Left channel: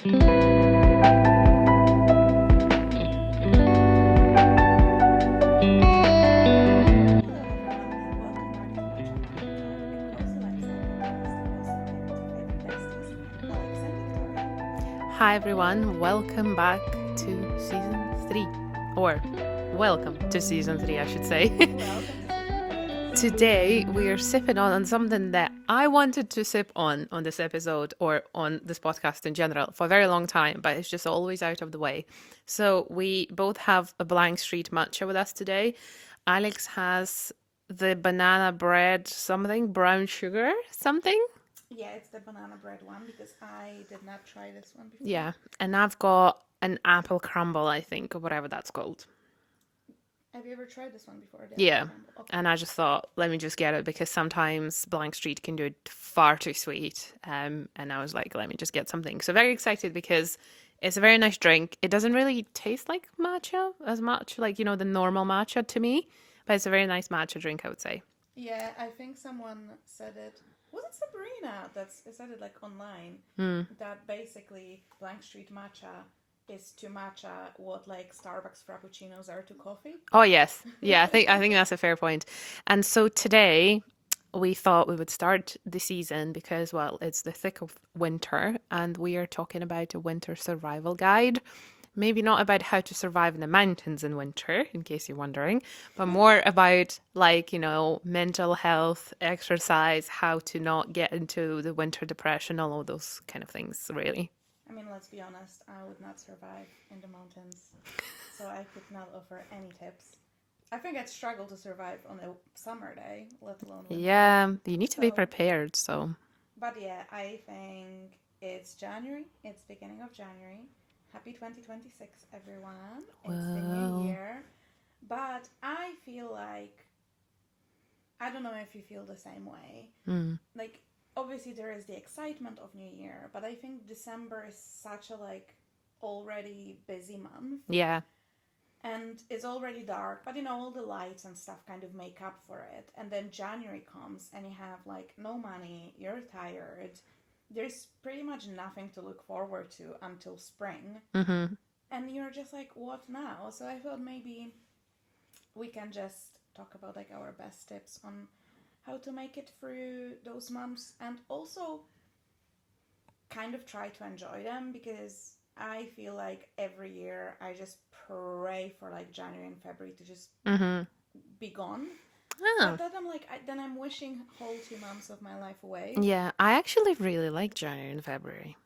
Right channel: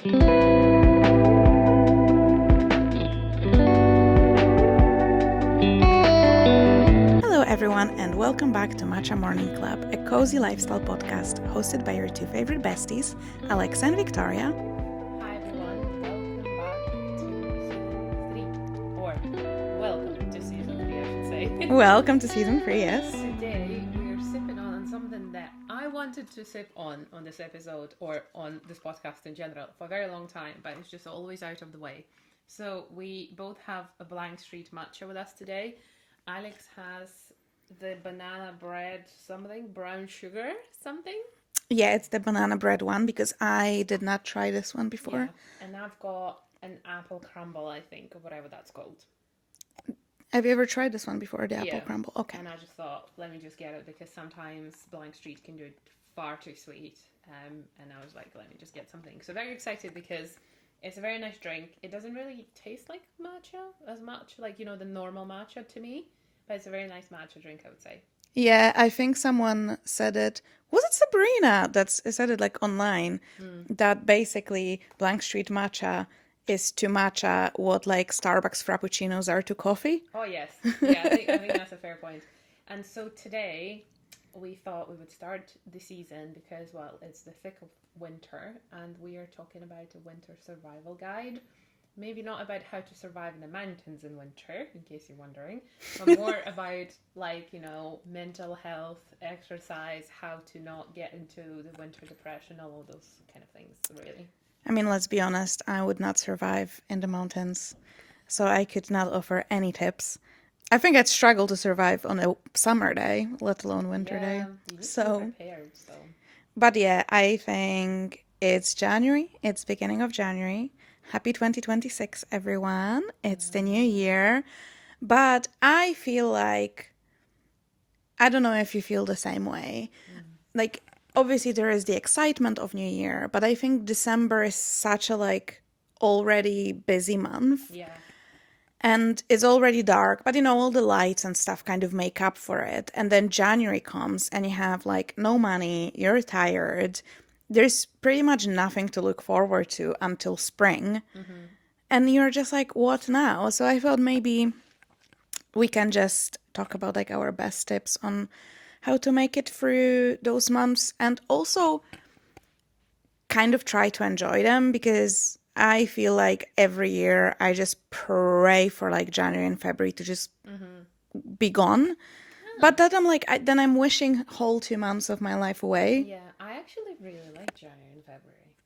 Hello, everyone, and welcome back to Matcha Morning Club, a cozy lifestyle podcast hosted by your two favorite besties, Alexa and Victoria. Hi, everyone. Welcome back to season 3. Or, welcome to season 3, I should say. Welcome to season 3, yes. Today, we are sipping on something that I wanted to sip on this episode or on this podcast in general for a very long time, but it's just always out of the way. So, we both have a Blank Street matcha with us today. Alex has the banana bread something, brown sugar something. Yeah, it's the banana bread one because I did not try this one before. Yeah, and I've got an apple crumble, I think, or whatever that's called. Have you ever tried this one before, the apple crumble? Okay. And I just thought, let me just get it because sometimes Blank Street can do it far too sweet. And I was like, let me just get something. So very excited because it's a very nice drink. It doesn't really taste like matcha as much, like, you know, the normal matcha to me. But it's a very nice matcha drink, I would say. Yeah, I think someone said it. Was it Sabrina that said it like online? That basically Blank Street matcha is to matcha what like Starbucks frappuccinos are to coffee. Oh yes, yeah. I think that's a fair point. And so today we thought we would start the season because, well, it's the thick of winter, and we are talking about a winter survival guide. Maybe not about how to survive in the mountains in winter, in case you're wondering, but more about, like, you know, mental health, exercise, how to not get into the winter depression, all of those kind of things, really. I mean, let's be honest, I would not survive in the mountains, so I could not offer any tips. I think I'd struggle to survive on a summer day, let alone winter Yeah, day. you need to be prepared, so. But yeah, I think it's January. It's beginning of January. Happy 2026, everyone. It's the new year. But I feel like, I don't know if you feel the same way. Like, obviously there is the excitement of New Year, but I think December is such a like already busy month. Yeah. And it's already dark, but you know, all the lights and stuff kind of make up for it. And then January comes and you have like no money, you're tired. There's pretty much nothing to look forward to until spring. And you're just like, what now? So I thought maybe we can just talk about like our best tips on how to make it through those months and also kind of try to enjoy them, because I feel like every year I just pray for like January and February to just be gone. But then I'm like, then I'm wishing whole 2 months of my life away. Yeah, I actually really like January and February.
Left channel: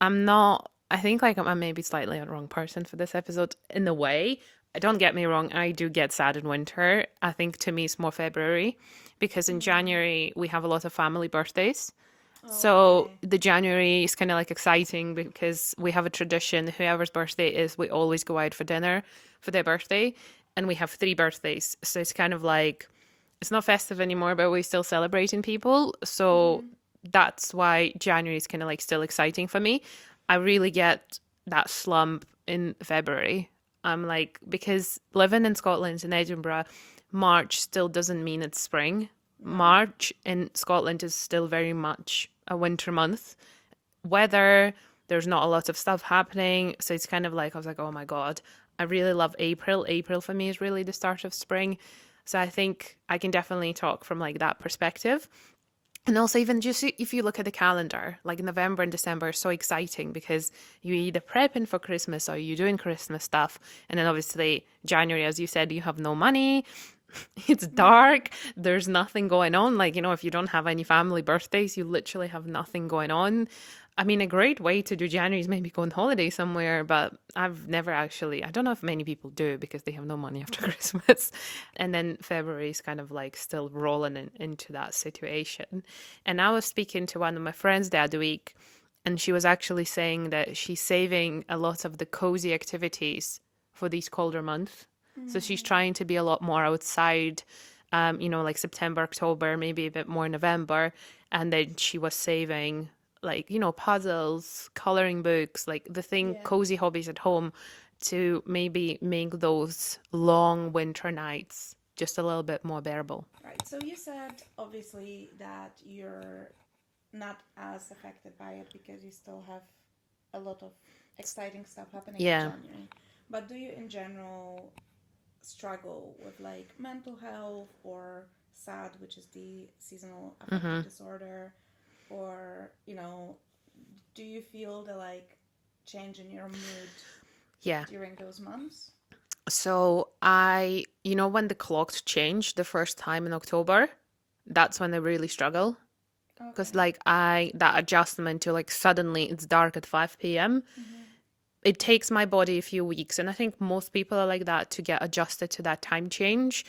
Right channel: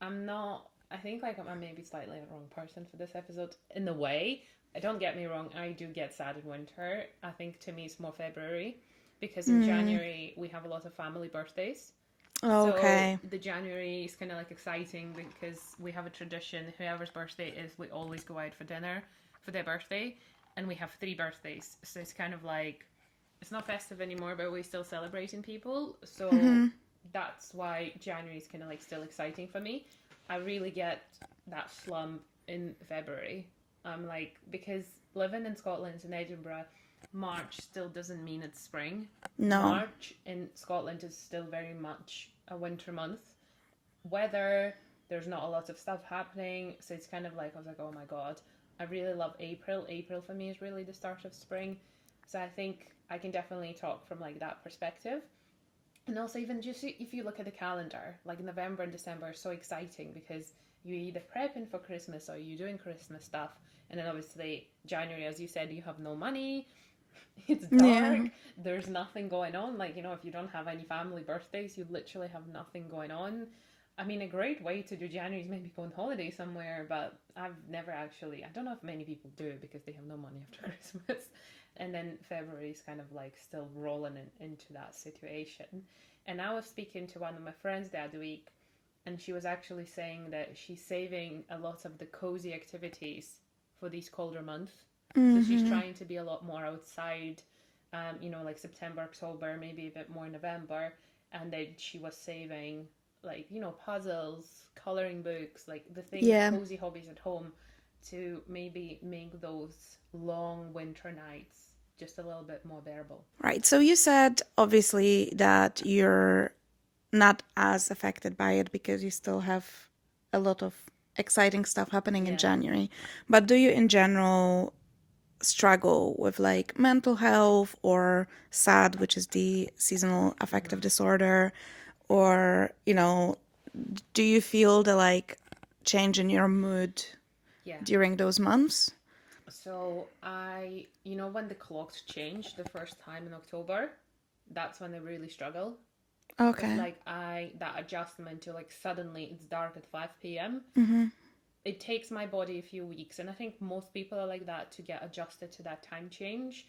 I think like I'm maybe slightly a wrong person for this episode in a way. Don't get me wrong, I do get sad in winter. I think to me it's more February because in January we have a lot of family birthdays. Okay. So the January is kind of like exciting because we have a tradition. Whoever's birthday is, we always go out for dinner for their birthday. And we have 3 birthdays. So it's kind of like, it's not festive anymore, but we're still celebrating people. So that's why January is kind of like still exciting for me. I really get that slump in February. I'm like, because living in Scotland, in Edinburgh, March still doesn't mean it's spring. No. March in Scotland is still very much a winter month. Weather, there's not a lot of stuff happening. So it's kind of like, I was like, oh my God, I really love April. April for me is really the start of spring. So I think I can definitely talk from like that perspective. And also even just if you look at the calendar, like November and December are so exciting because you're either prepping for Christmas or you're doing Christmas stuff. And then obviously January, as you said, you have no money. It's dark. There's nothing going on. Like, you know, if you don't have any family birthdays, you literally have nothing going on. I mean, a great way to do January is maybe go on holiday somewhere, but I've never actually, I don't know if many people do because they have no money after Christmas. And then February is kind of like still rolling into that situation. And I was speaking to one of my friends the other week, and she was actually saying that she's saving a lot of the cozy activities for these colder months. So she's trying to be a lot more outside, you know, like September, October, maybe a bit more November. And then she was saving like, you know, puzzles, coloring books, like the thing, cozy hobbies at home to maybe make those long winter nights just a little bit more bearable. Right. So you said obviously that you're not as affected by it because you still have a lot of exciting stuff happening in Yeah. January. But do you in general struggle with like mental health or SAD, which is the seasonal affective Mm-hmm. disorder, or, do you feel the like change in your mood Yeah. during those months? So when the clocks changed the first time in October, that's when I really struggle. Because Okay. that adjustment to like suddenly it's dark at 5 p.m. Mm-hmm. It takes my body a few weeks. And I think most people are like that to get adjusted to that time change.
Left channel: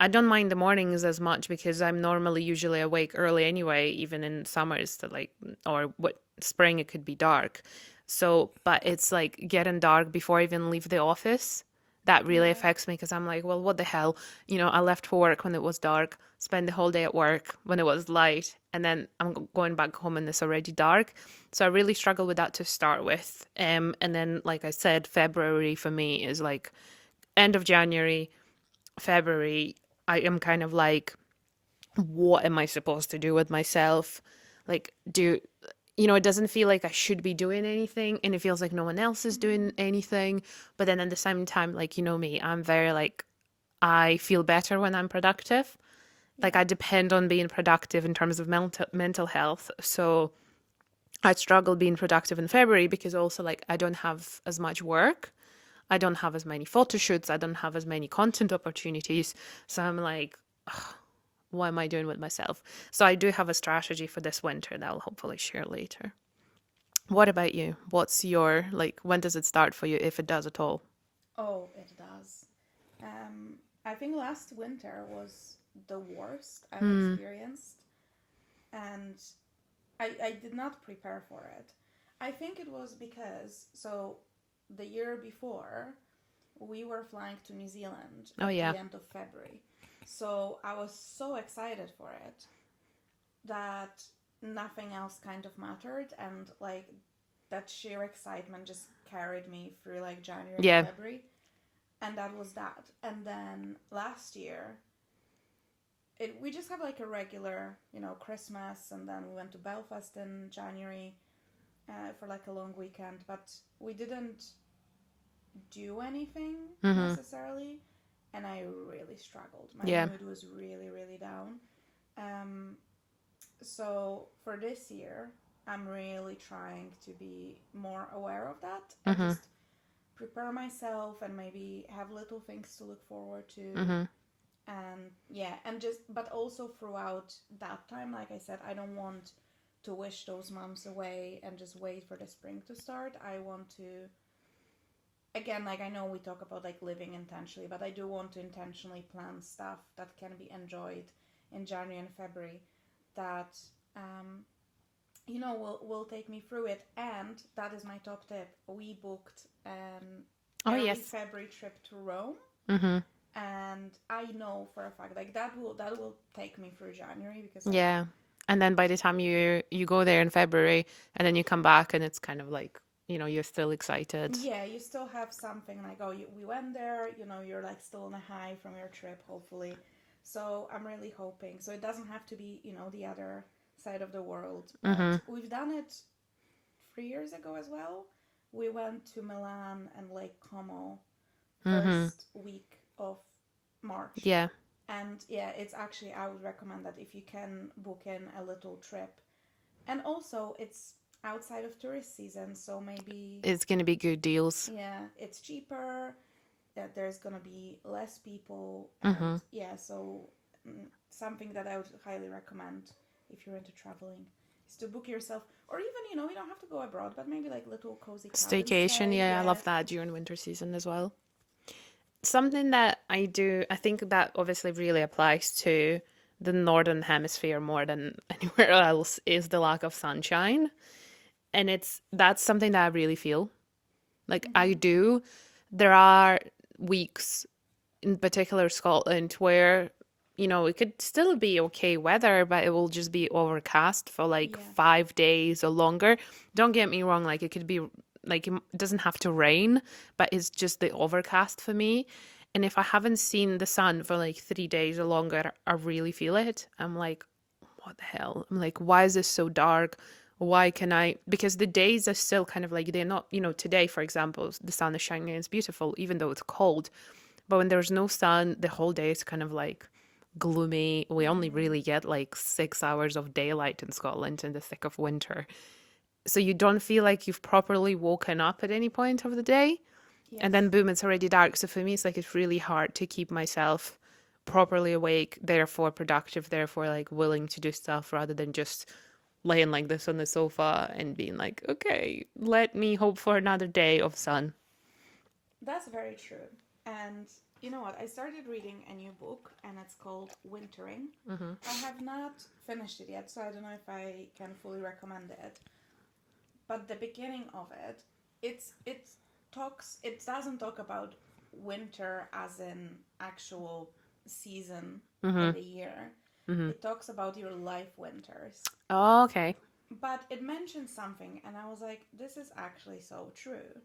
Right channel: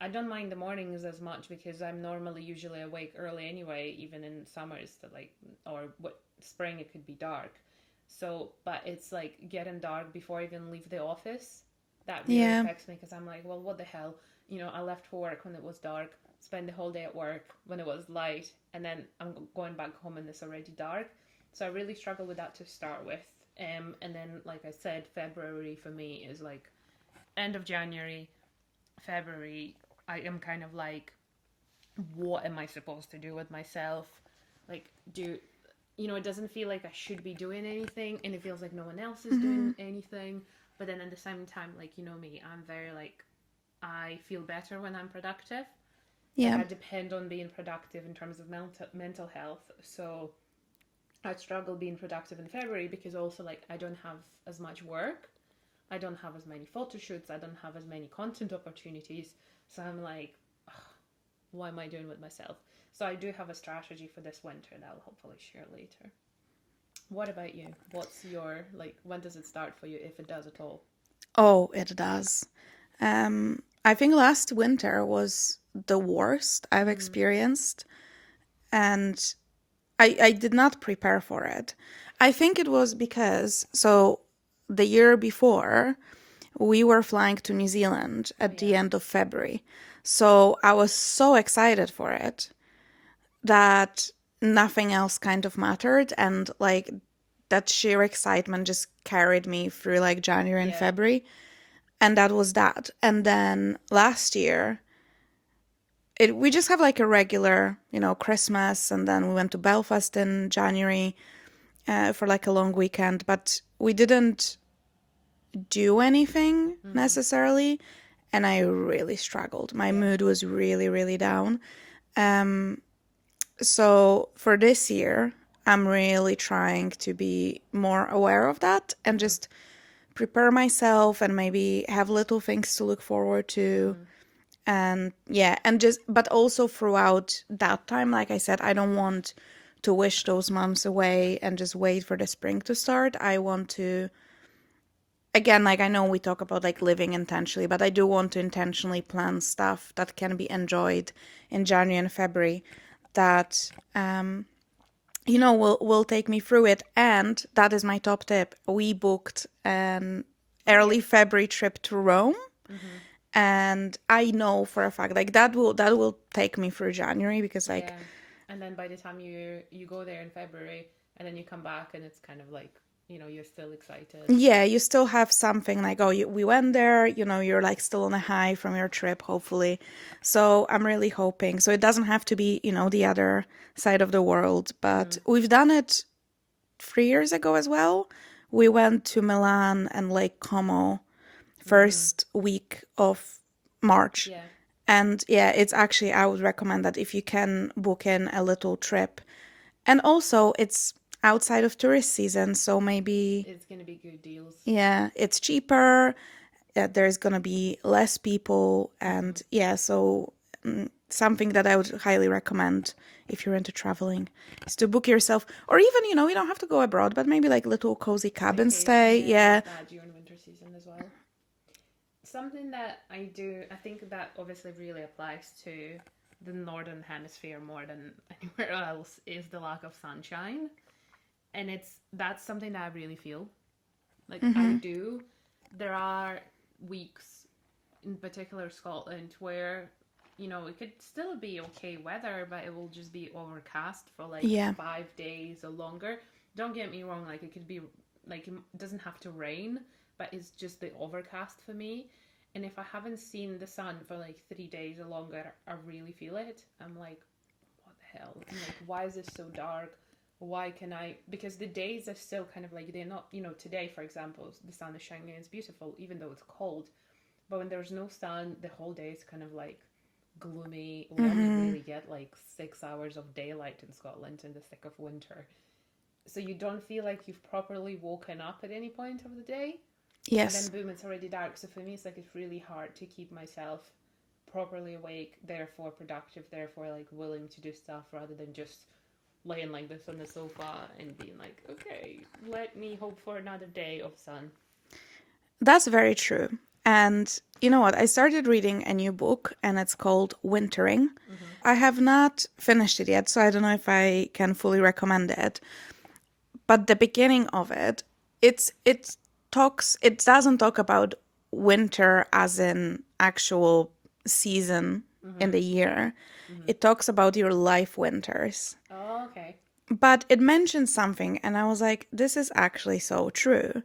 I don't mind the mornings as much because I'm normally usually awake early anyway, even in summers to like, or what spring it could be dark. So, but it's like getting dark before I even leave the office. That really Yeah. affects me because I'm like, well, what the hell? I left for work when it was dark, spend the whole day at work when it was light, and then I'm going back home and it's already dark. So I really struggle with that to start with. And then, like I said, February for me is like end of January, February. I am kind of like, what am I supposed to do with myself? Like, it doesn't feel like I should be doing anything, and it feels like no one else is Mm-hmm. doing anything. But then at the same time, like, me, I'm very like, I feel better when I'm productive. Like, Yeah. I depend on being productive in terms of mental health. So I struggle being productive in February because also like I don't have as much work. I don't have as many photo shoots. I don't have as many content opportunities. So I'm like, what am I doing with myself? So I do have a strategy for this winter that I'll hopefully share later. What about you? What's your like when does it start for you if it does at all? Oh, it does. I think last winter was the worst I've Mm. experienced, and I did not prepare for it. I think it was because, so the year before, we were flying to New Zealand Oh at the yeah. end of February. So I was so excited for it that nothing else kind of mattered. And like that sheer excitement just carried me through like January and Yeah. February. And that was that. And then last year, we just have like a regular, Christmas. And then we went to Belfast in January for like a long weekend. But we didn't do anything Mm-hmm. necessarily, and I really struggled. My Yeah. mood was really, really down. Um, so for this year, I'm really trying to be more aware of that and Mm-hmm. just prepare myself and maybe have little things to look forward to. Mm-hmm. And yeah, and just, but also throughout that time, like I said, I don't want to wish those months away and just wait for the spring to start. I want to, again, like I know we talk about like living intentionally, but I do want to intentionally plan stuff that can be enjoyed in January and February that will take me through it. And that is my top tip. We booked an Oh yeah. early February trip to Rome, Mm-hmm. and I know for a fact like that will take me through January because like Yeah. And then by the time you go there in February and then you come back and it's kind of like, you're still excited. yeah, you still have something like, oh, we went there, you're like still on a high from your trip, hopefully. So I'm really hoping. So it doesn't have to be, the other side of the world, Mm-hmm. but we've done it 3 years ago as well. We went to Milan and Lake Como Mm-hmm. first week of March. Yeah. And yeah, it's actually, I would recommend that if you can book in a little trip. And also, it's outside of tourist season, so maybe It's gonna be good deals. yeah, it's cheaper. There's gonna be less people, Mm-hmm. and yeah, so something that I would highly recommend if you're into traveling is to book yourself, or even you don't have to go abroad, but maybe like little cozy cabin Staycation, stay. yeah, I Yeah. love that during winter season as well. Something that I do, I think that obviously really applies to the northern hemisphere more than anywhere else is the lack of sunshine. And that's something that I really feel. Like I Mm-hmm. do. There are weeks in particular Scotland where it could still be okay weather, but it will just be overcast for like Yeah. 5 days or longer. Don't get me wrong, like it could be like it doesn't have to rain, but it's just the overcast for me. And if I haven't seen the sun for like 3 days or longer, I really feel it. I'm like, what the hell? I'm like, why is this so dark? why can I, because the days are still kind of like, they're not, today, for example, the sun is shining and it's beautiful, even though it's cold. But when there's no sun, the whole day is kind of like gloomy. We only Mm-hmm. really get like 6 hours of daylight in Scotland in the thick of winter. So you don't feel like you've properly woken up at any point of the day. And then Yes. boom, it's already dark. So for me, it's like it's really hard to keep myself properly awake, therefore productive, therefore like willing to do stuff rather than just laying like this on the sofa and being like, okay, let me hope for another day of sun. That's very true. And you know what? I started reading a new book and it's called Wintering. I have not finished it yet, so I don't know if I can fully recommend it. But the beginning of it, it doesn't talk about winter as in actual season in Mm-hmm. the year. Mm-hmm. It talks about your life winters. Oh, okay. But it mentions something and I was like, this is actually so true.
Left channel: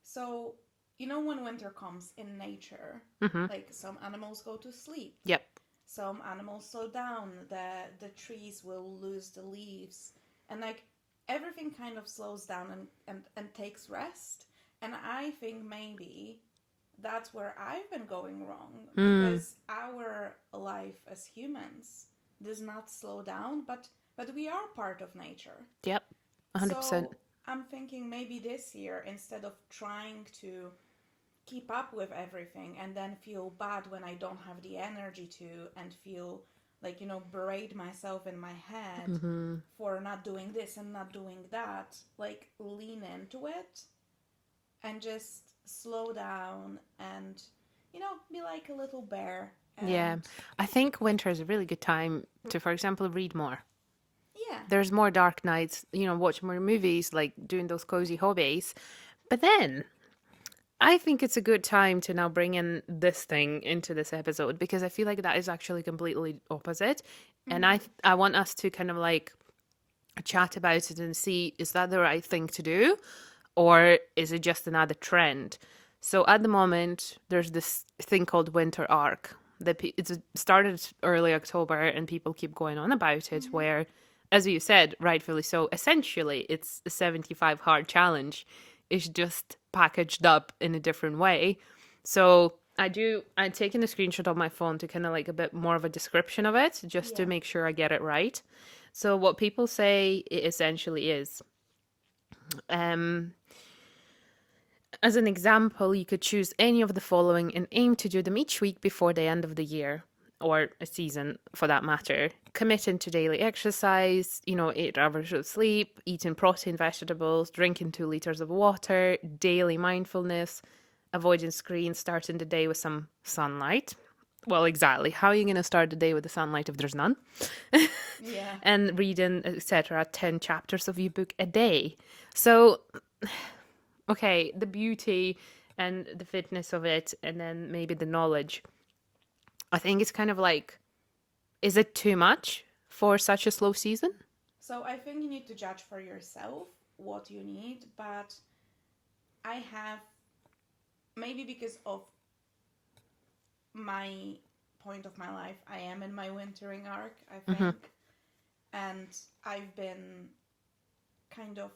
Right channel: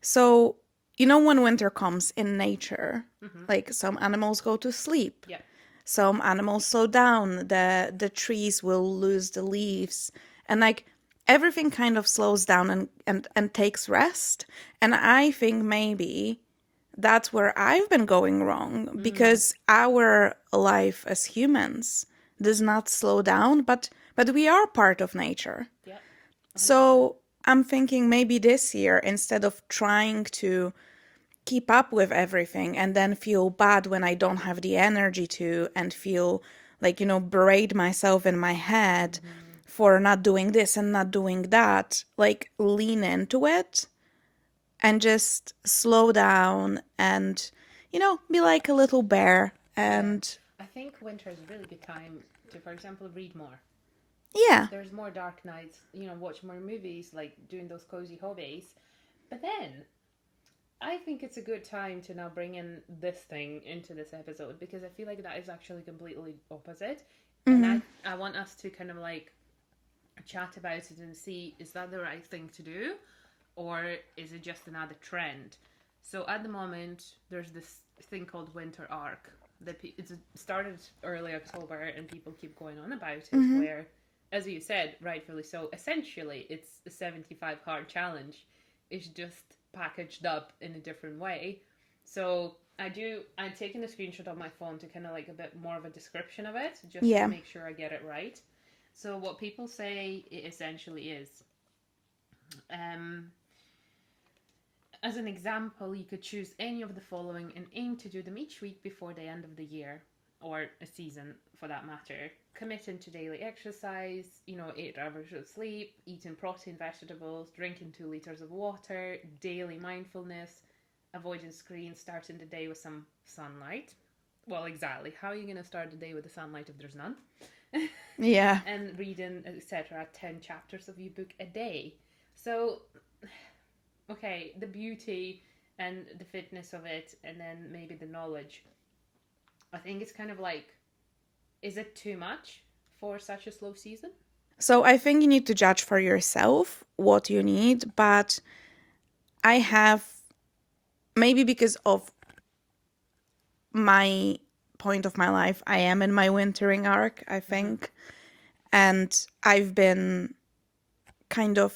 So, when winter comes in nature, Mm-hmm. like some animals go to sleep, Yep. some animals slow down, the trees will lose the leaves, and like everything kind of slows down and takes rest. And I think maybe that's where I've been going wrong Mm. because our life as humans does not slow down, but we are part of nature. Yep. 100%. So I'm thinking maybe this year, instead of trying to keep up with everything and then feel bad when I don't have the energy to, and feel like, berate myself in my head Mm-hmm. for not doing this and not doing that, like lean into it and just slow down and, be like a little bear. Yeah. And I think winter is a really good time to, for example, read more. yeah, There's more dark nights, watch more movies, like doing those cozy hobbies. But then I think it's a good time to now bring in this thing into this episode because I feel like that is actually completely opposite. And mm-hmm, I want us to kind of like chat about it and see, is that the right thing to do or is it just another trend? So at the moment, there's this thing called winter arc. It's started early October and people keep going on about it, mm-hmm, where, as you said, rightfully so, essentially it's a 75 hard challenge. It's just packaged up in a different way. So I'd taken a screenshot of my phone to kind of like a bit more of a description of it, just to yeah. make sure I get it right. So what people say it essentially is, um, as an example, you could choose any of the following and aim to do them each week before the end of the year or a season for that matter. Committing to daily exercise, 8 hours of sleep, eating protein, vegetables, drinking 2 liters of water, daily mindfulness, avoiding screens, starting the day with some sunlight. Well, exactly. How are you going to start the day with the sunlight if there's none? Yeah. And reading, etc., 10 chapters of your book a day. So okay, the beauty and the fitness of it, and then maybe the knowledge. I think it's kind of like, is it too much for such a slow season? So I think you need to judge for yourself what you need, but I have, maybe because of my point of my life, I am in my wintering arc, I Mm-hmm. think. And I've been kind of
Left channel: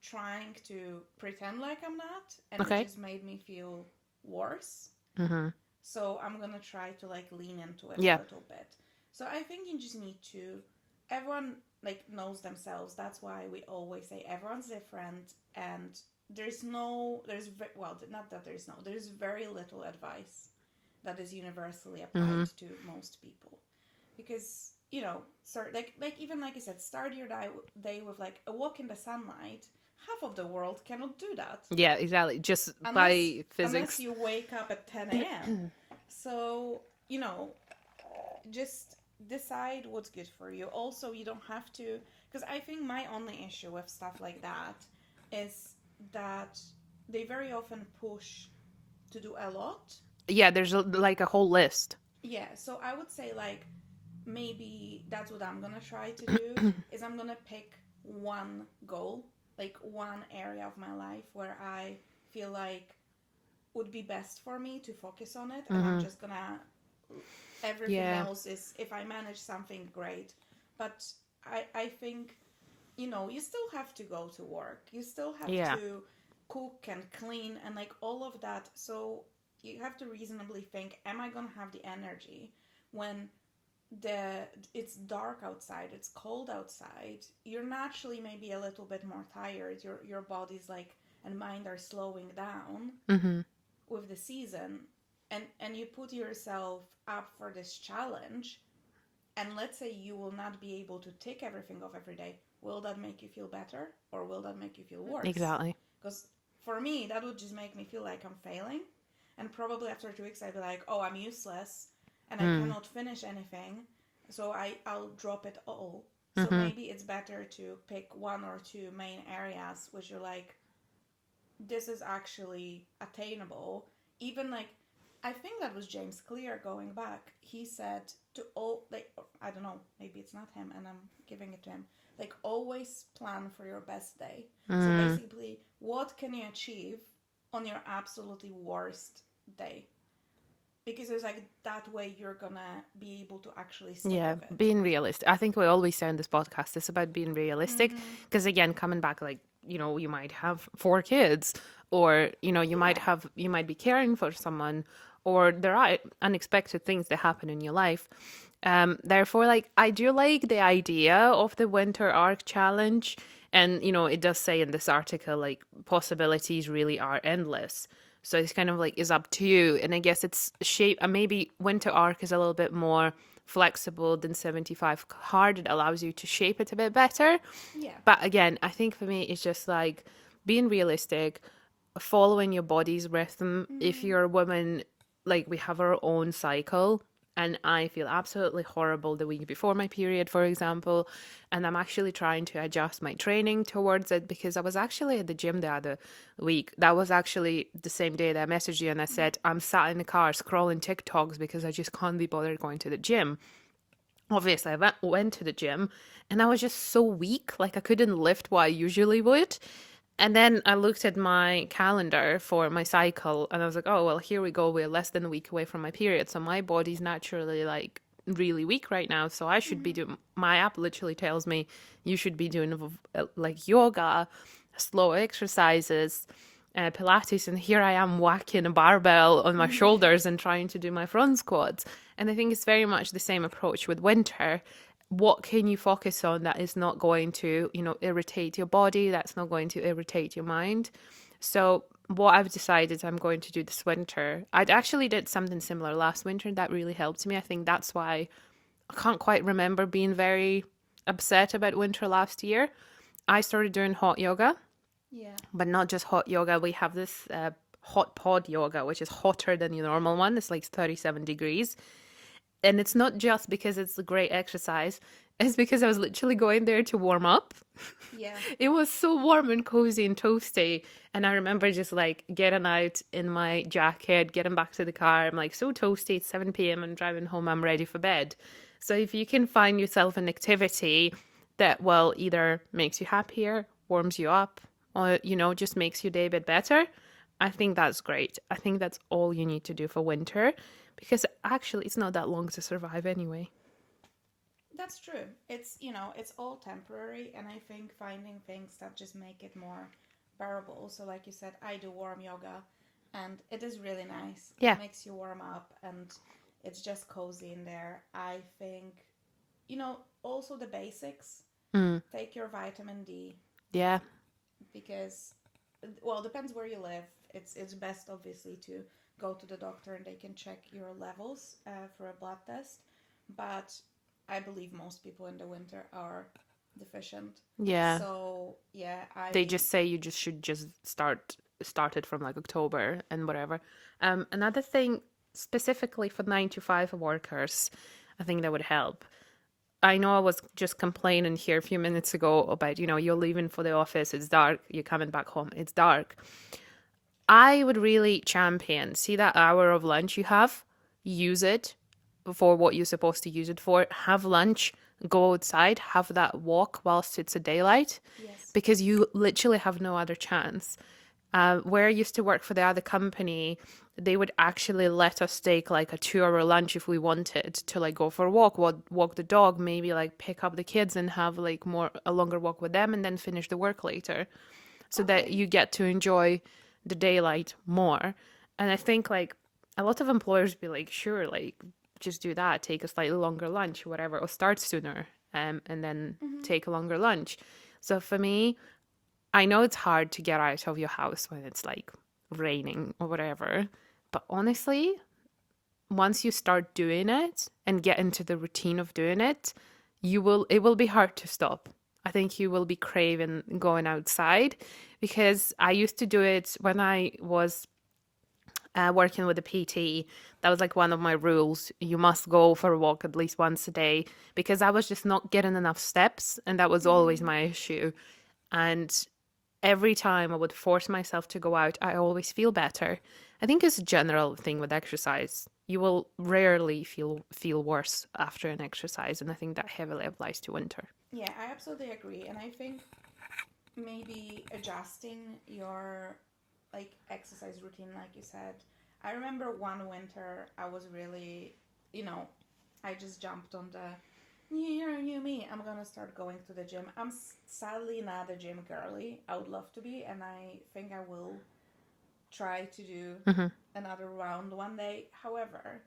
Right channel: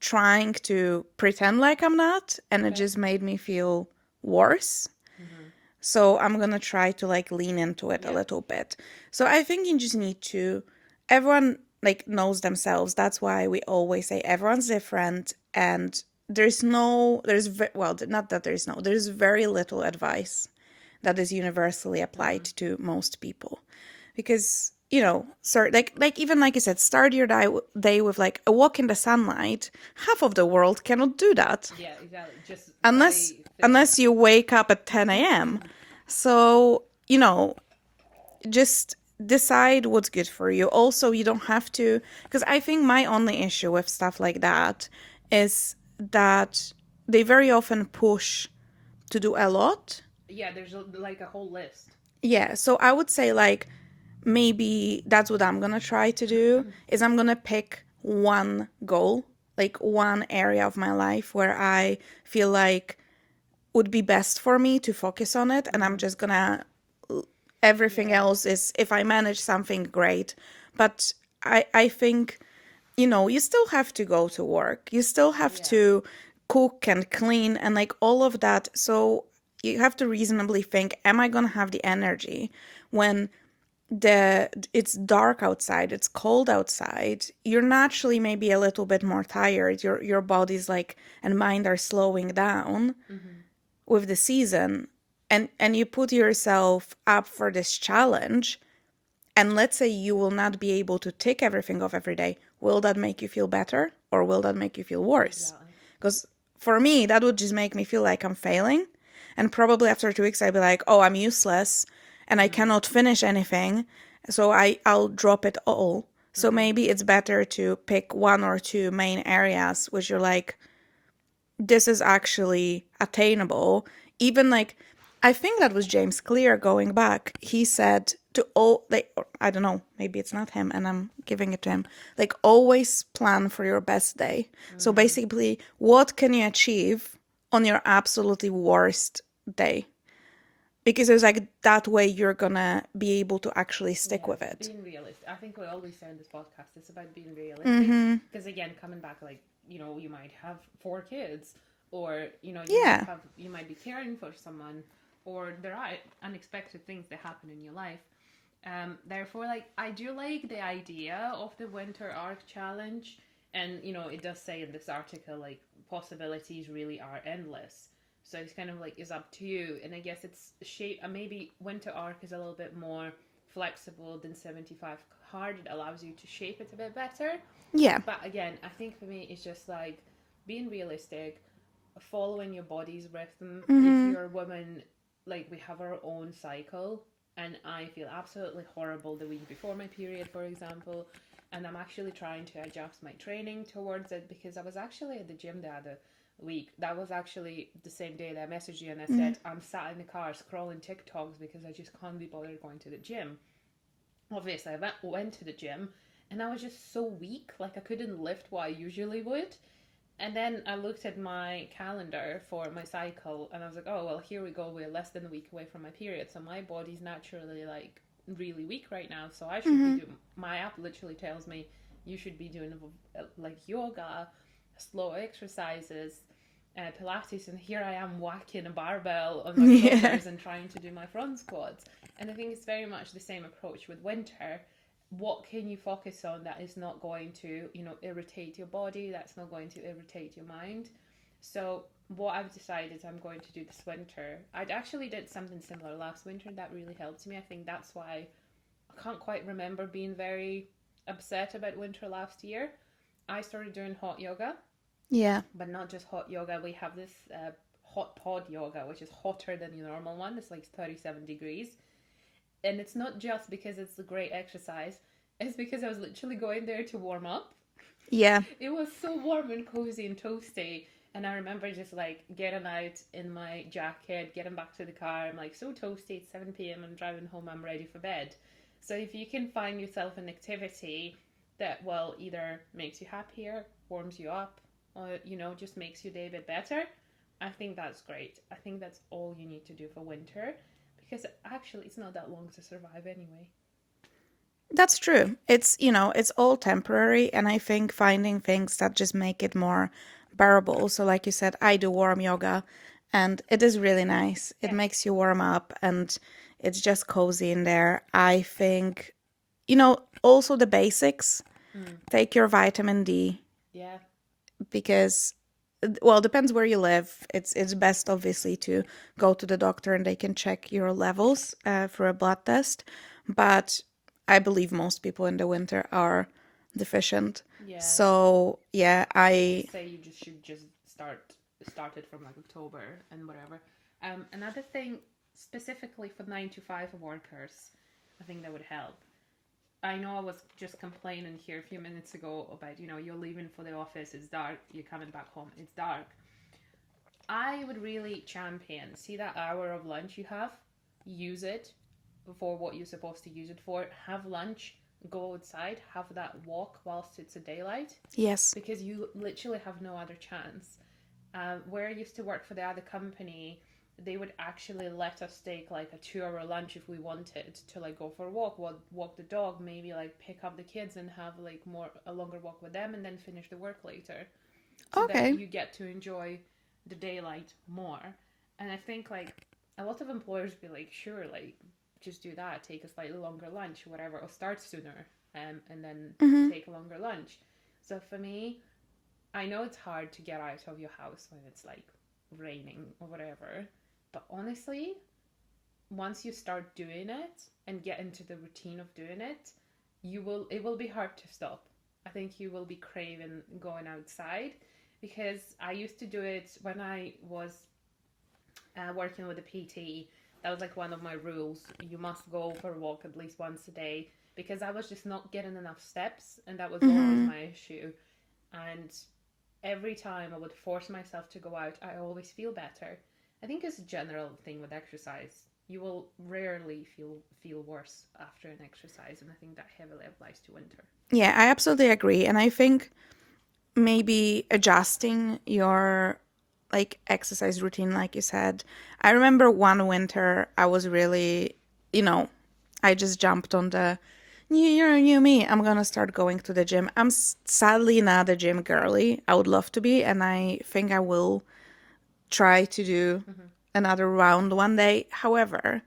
trying to pretend like I'm not, and it Okay. just made me feel worse. Mm-hmm. So I'm gonna try to like lean into it a Yeah. little bit. So I think you just need to, everyone like knows themselves. That's why we always say everyone's different, and not that there's very little advice that is universally applied Mm-hmm. to most people, because like even like I said, start your day with like a walk in the sunlight. Half of the world cannot do that Yeah, exactly. Just unless by unless physics. you wake up at 10 a.m. So, just decide what's good for you. Also, you don't have to, because I think my only issue with stuff like that is that they very often push to do a lot. Yeah, there's like a whole list. Yeah, so I would say like maybe that's what I'm gonna try to do is I'm gonna pick one goal, like one area of my life where I feel like would be best for me to focus on it, and I'm Mm-hmm. just gonna, everything Yeah. else is, if I manage something, great. But I think you still have to go to work. You still have Yeah. to cook and clean and like all of that. So you have to reasonably think, am I going to have the energy when it's dark outside, it's cold outside. You're naturally maybe a little bit more tired. Your body's like and mind are slowing down Mm-hmm. with the season. And you put yourself up for this challenge, and let's say you will not be able to tick everything off every day. Will that make you feel better or will that make you feel worse? Exactly. Because for me, that would just make me feel like I'm failing. And probably after 2 weeks, I'd be like, oh, I'm useless and I Mm. cannot finish anything. So I'll drop it all. So Mm-hmm. maybe it's better to pick one or two main areas which you're like, this is actually attainable. Even like, I think that was James Clear going back. He said to all, like, I don't know, maybe it's not him and I'm giving it to him. Like, always plan for your best day. So Mm. basically, what can you achieve on your absolutely worst day? Because it's like that way you're gonna be able to actually stick Yeah, with it. being realistic. I think we always say on this podcast it's about being realistic. Mm-hmm. Because again, coming back, like, you might have four kids, or, Yeah. you might be caring for someone, or there are unexpected things that happen in your life. Therefore, like, I do like the idea of the winter arc challenge. And, it does say in this article, like, possibilities really are endless. So it's kind of like, it's up to you. And I guess it's shape, maybe winter arc is a little bit more flexible than 75 hard. It allows you to shape it a bit better. Yeah. But again, I think for me, it's just like being realistic, following your body's rhythm. If Mm-hmm. you're a woman, like, we have our own cycle, and I feel absolutely horrible the week before my period, for example. And I'm actually trying to adjust my training towards it, because I was actually at the gym the other week. That was actually the same day that I messaged you and I Mm-hmm. said, I'm sat in the car scrolling TikToks because I just can't be bothered going to the gym. Obviously, I went to the gym and I was just so weak, like I couldn't lift what I usually would. And then I looked at my calendar for my cycle and I was like, oh, well, here we go. We're less than a week away from my period. So my body's naturally like really weak right now. So I should be Mm-hmm. doing, my app literally tells me you should be doing like yoga, slow exercises, Pilates. And here I am whacking a barbell on my Yeah. shoulders and trying to do my front squats. And I think it's very much the same approach with winter. What can you focus on that is not going to, irritate your body, that's not going to irritate your mind? So what I've decided I'm going to do this winter, I actually did something similar last winter that really helped me. I think that's why I can't quite remember being very upset about winter last year. I started doing hot yoga, Yeah. but not just hot yoga. We have this hot pod yoga, which is hotter than your normal one. It's like 37 degrees. And it's not just because it's a great exercise, it's because I was literally going there to warm up. Yeah. It was so warm and cozy and toasty. And I remember just like getting out in my jacket, getting back to the car. I'm like so toasty. It's 7 p.m. I'm driving home. I'm ready for bed. So if you can find yourself an activity that, well, either makes you happier, warms you up, or, just makes your day a bit better, I think that's great. I think that's all you need to do for winter, because actually it's not that long to survive anyway. That's true. It's all temporary, and I think finding things that just make it more bearable. So, like you said, I do warm yoga, and it is really nice. It Yeah. makes you warm up, and it's just cozy in there. I think, also the basics. Mm. Take your vitamin D Yeah. because, well, depends where you live. It's best obviously to go to the doctor and they can check your levels for a blood test. But I believe most people in the winter are deficient. Yeah. So yeah, They just say you just should just start it from like October and whatever. Another thing specifically for 9 to 5 workers, I think that would help. I know I was just complaining here a few minutes ago about, you're leaving for the office, it's dark, you're coming back home, it's dark. I would really champion, see that hour of lunch you have, use it for what you're supposed to use it for. Have lunch, go outside, have that walk whilst it's a daylight, yes. because you literally have no other chance. Where I used to work for the other company, they would actually let us take like a 2 hour lunch if we wanted to like go for a walk the dog, maybe like pick up the kids and have like a longer walk with them and then finish the work later, so that Okay. you get to enjoy the daylight more. And I think like a lot of employers be like, sure, like just do that, take a slightly longer lunch, whatever, or start sooner, and then Mm-hmm. take a longer lunch. So for me, I know it's hard to get out of your house when it's like raining or whatever, but honestly, once you start doing it and get into the routine of doing it, it will be hard to stop. I think you will be craving going outside, because I used to do it when I was working with a PT. That was like one of my rules. You must go for a walk at least once a day, because I was just not getting enough steps, and that was always Mm-hmm. my issue. And every time I would force myself to go out, I always feel better. I think it's a general thing with exercise. You will rarely feel worse after an exercise, and I think that heavily applies to winter. Yeah, I absolutely agree. And I think maybe adjusting your like exercise routine, like you said. I remember one winter I was really, you know, I just jumped on the new year, new me. I'm gonna start going to the gym. I'm sadly not a gym girly. I would love to be, and I think I will try to do Mm-hmm. another round one day. However,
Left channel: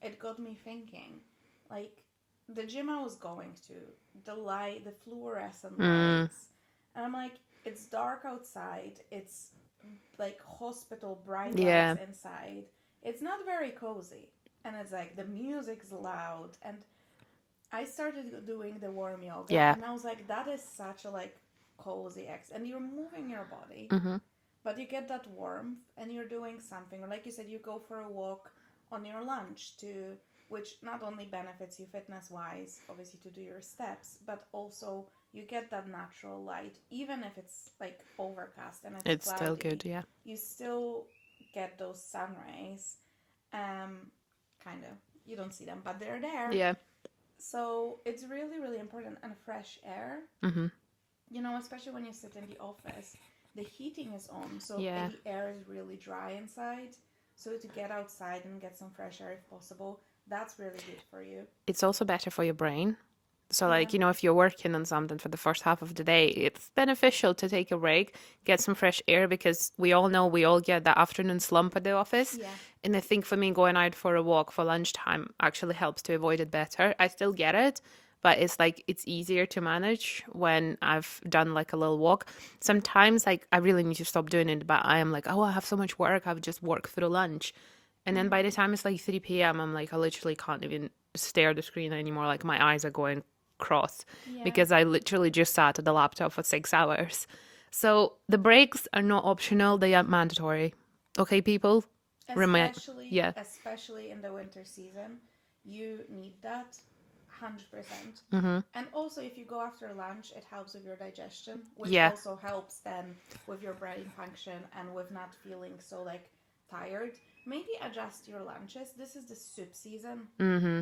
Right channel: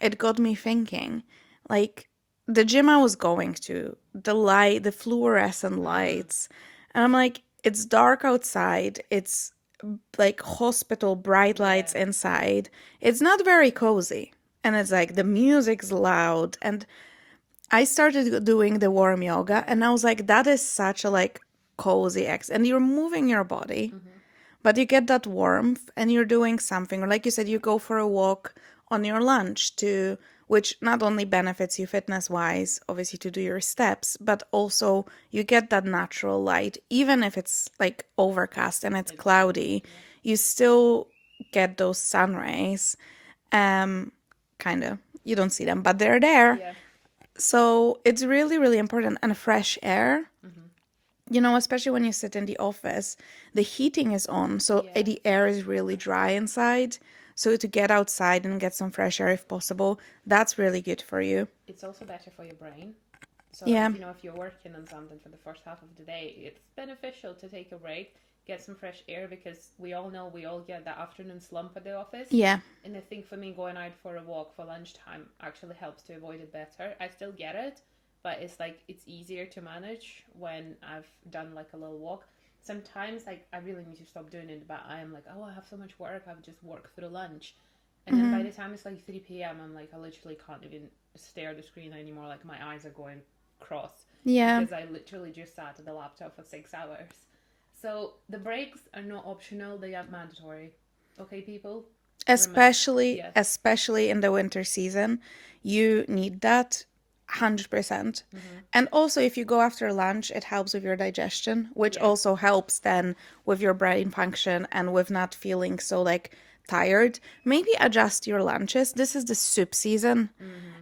it got me thinking, like the gym I was going to, the fluorescent Mm, lights, and I'm like, it's dark outside. It's like hospital bright lights yeah, inside. It's not very cozy. And it's like the music's loud. And I started doing the warm yoga yeah. and I was like, that is such a like cozy and you're moving your body, Mm-hmm. but you get that warmth and you're doing something. Or like you said, you go for a walk on your lunch to which not only benefits you fitness wise, obviously to do your steps, but also you get that natural light. Even if it's like overcast and it's It's still cloudy, good, yeah. you still get those sun rays. Um, kind of. You don't see them, but they're there. Yeah. So it's really, really important. And fresh air, Mm-hmm. especially when you sit in the office, the heating is on, so Yeah. the air is really dry inside. So to get outside and get some fresh air if possible, that's really good for you. It's also better for your brain. So, Yeah, like, if you're working on something for the first half of the day, it's beneficial to take a break, get some fresh air, because we all know we all get that afternoon slump at the office. yeah, And I think for me, going out for a walk for lunchtime actually helps to avoid it better. I still get it, but it's like it's easier to manage when I've done like a little walk. Sometimes, like, I really need to stop doing it, but I am like, oh, I have so much work, I've just worked through lunch. And then by hmm, the time it's like 3 p.m., I'm like, I literally can't even stare at the screen anymore. Like, my eyes are going cross yeah. because I literally just sat at the laptop for 6 hours. So the breaks are not optional, they are mandatory. Okay, people? Remind. Especially, Yeah. especially in the winter season, you need that 100%. Mm-hmm. And also, if you go after lunch, it helps with your digestion, which Yeah. also helps then with your brain function and with not feeling so like tired. Maybe adjust your lunches. This is the soup season. Mm-hmm.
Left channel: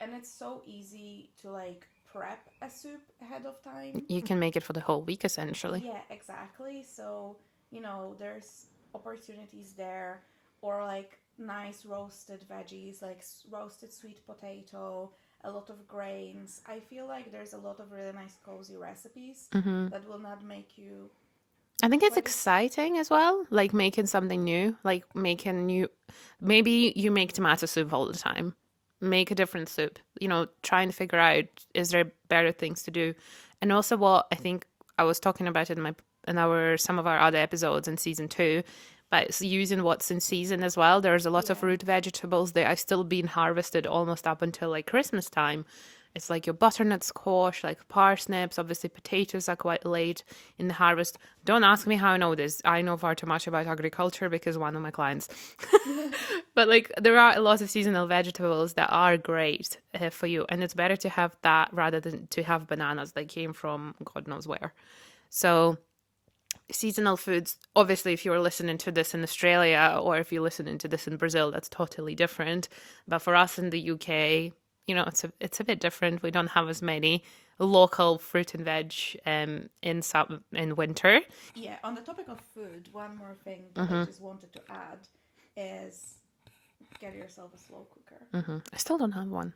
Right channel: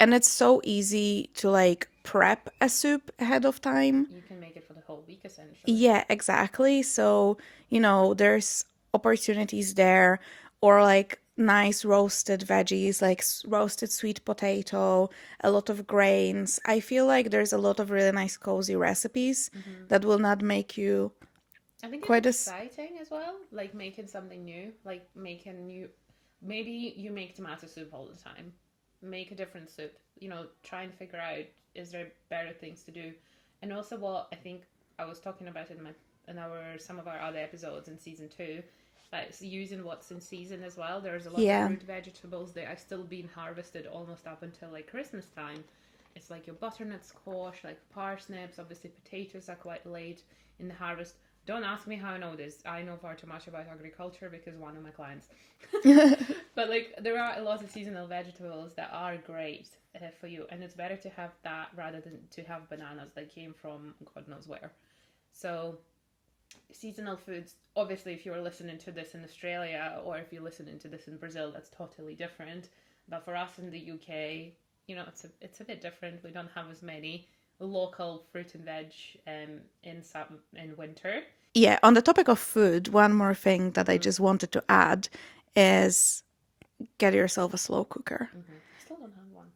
And it's so easy to like prep a soup ahead of time. You can make it for the whole week essentially. Yeah, exactly. So, there's opportunities there, or like nice roasted veggies, like roasted sweet potato, a lot of grains. I feel like there's a lot of really nice cozy recipes Mm-hmm. that will not make you I think it's quite as, exciting as well, like making something new, like making new. Maybe you make tomato soup all the time. Make a different soup. Try and figure out, is there better things to do, and also what I think I was talking about in our some of our other episodes in season 2. But it's using what's in season as well. There's a lot of yeah. root vegetables that are still being harvested almost up until like Christmas time. It's like your butternut squash, like parsnips. Obviously, potatoes are quite late in the harvest. Don't ask me how I know this. I know far too much about agriculture because one of my clients. But like, there are a lot of seasonal vegetables that are great for you, and it's better to have that rather than to have bananas that came from God knows where. So, seasonal foods, obviously, if you're listening to this in Australia or if you're listening to this in Brazil, that's totally different. But for us in the UK, it's a bit different. We don't have as many. local fruit and veg in winter. Yeah, on the topic of food, one more thing that I just wanted to add is get yourself a slow cooker. I still don't have one.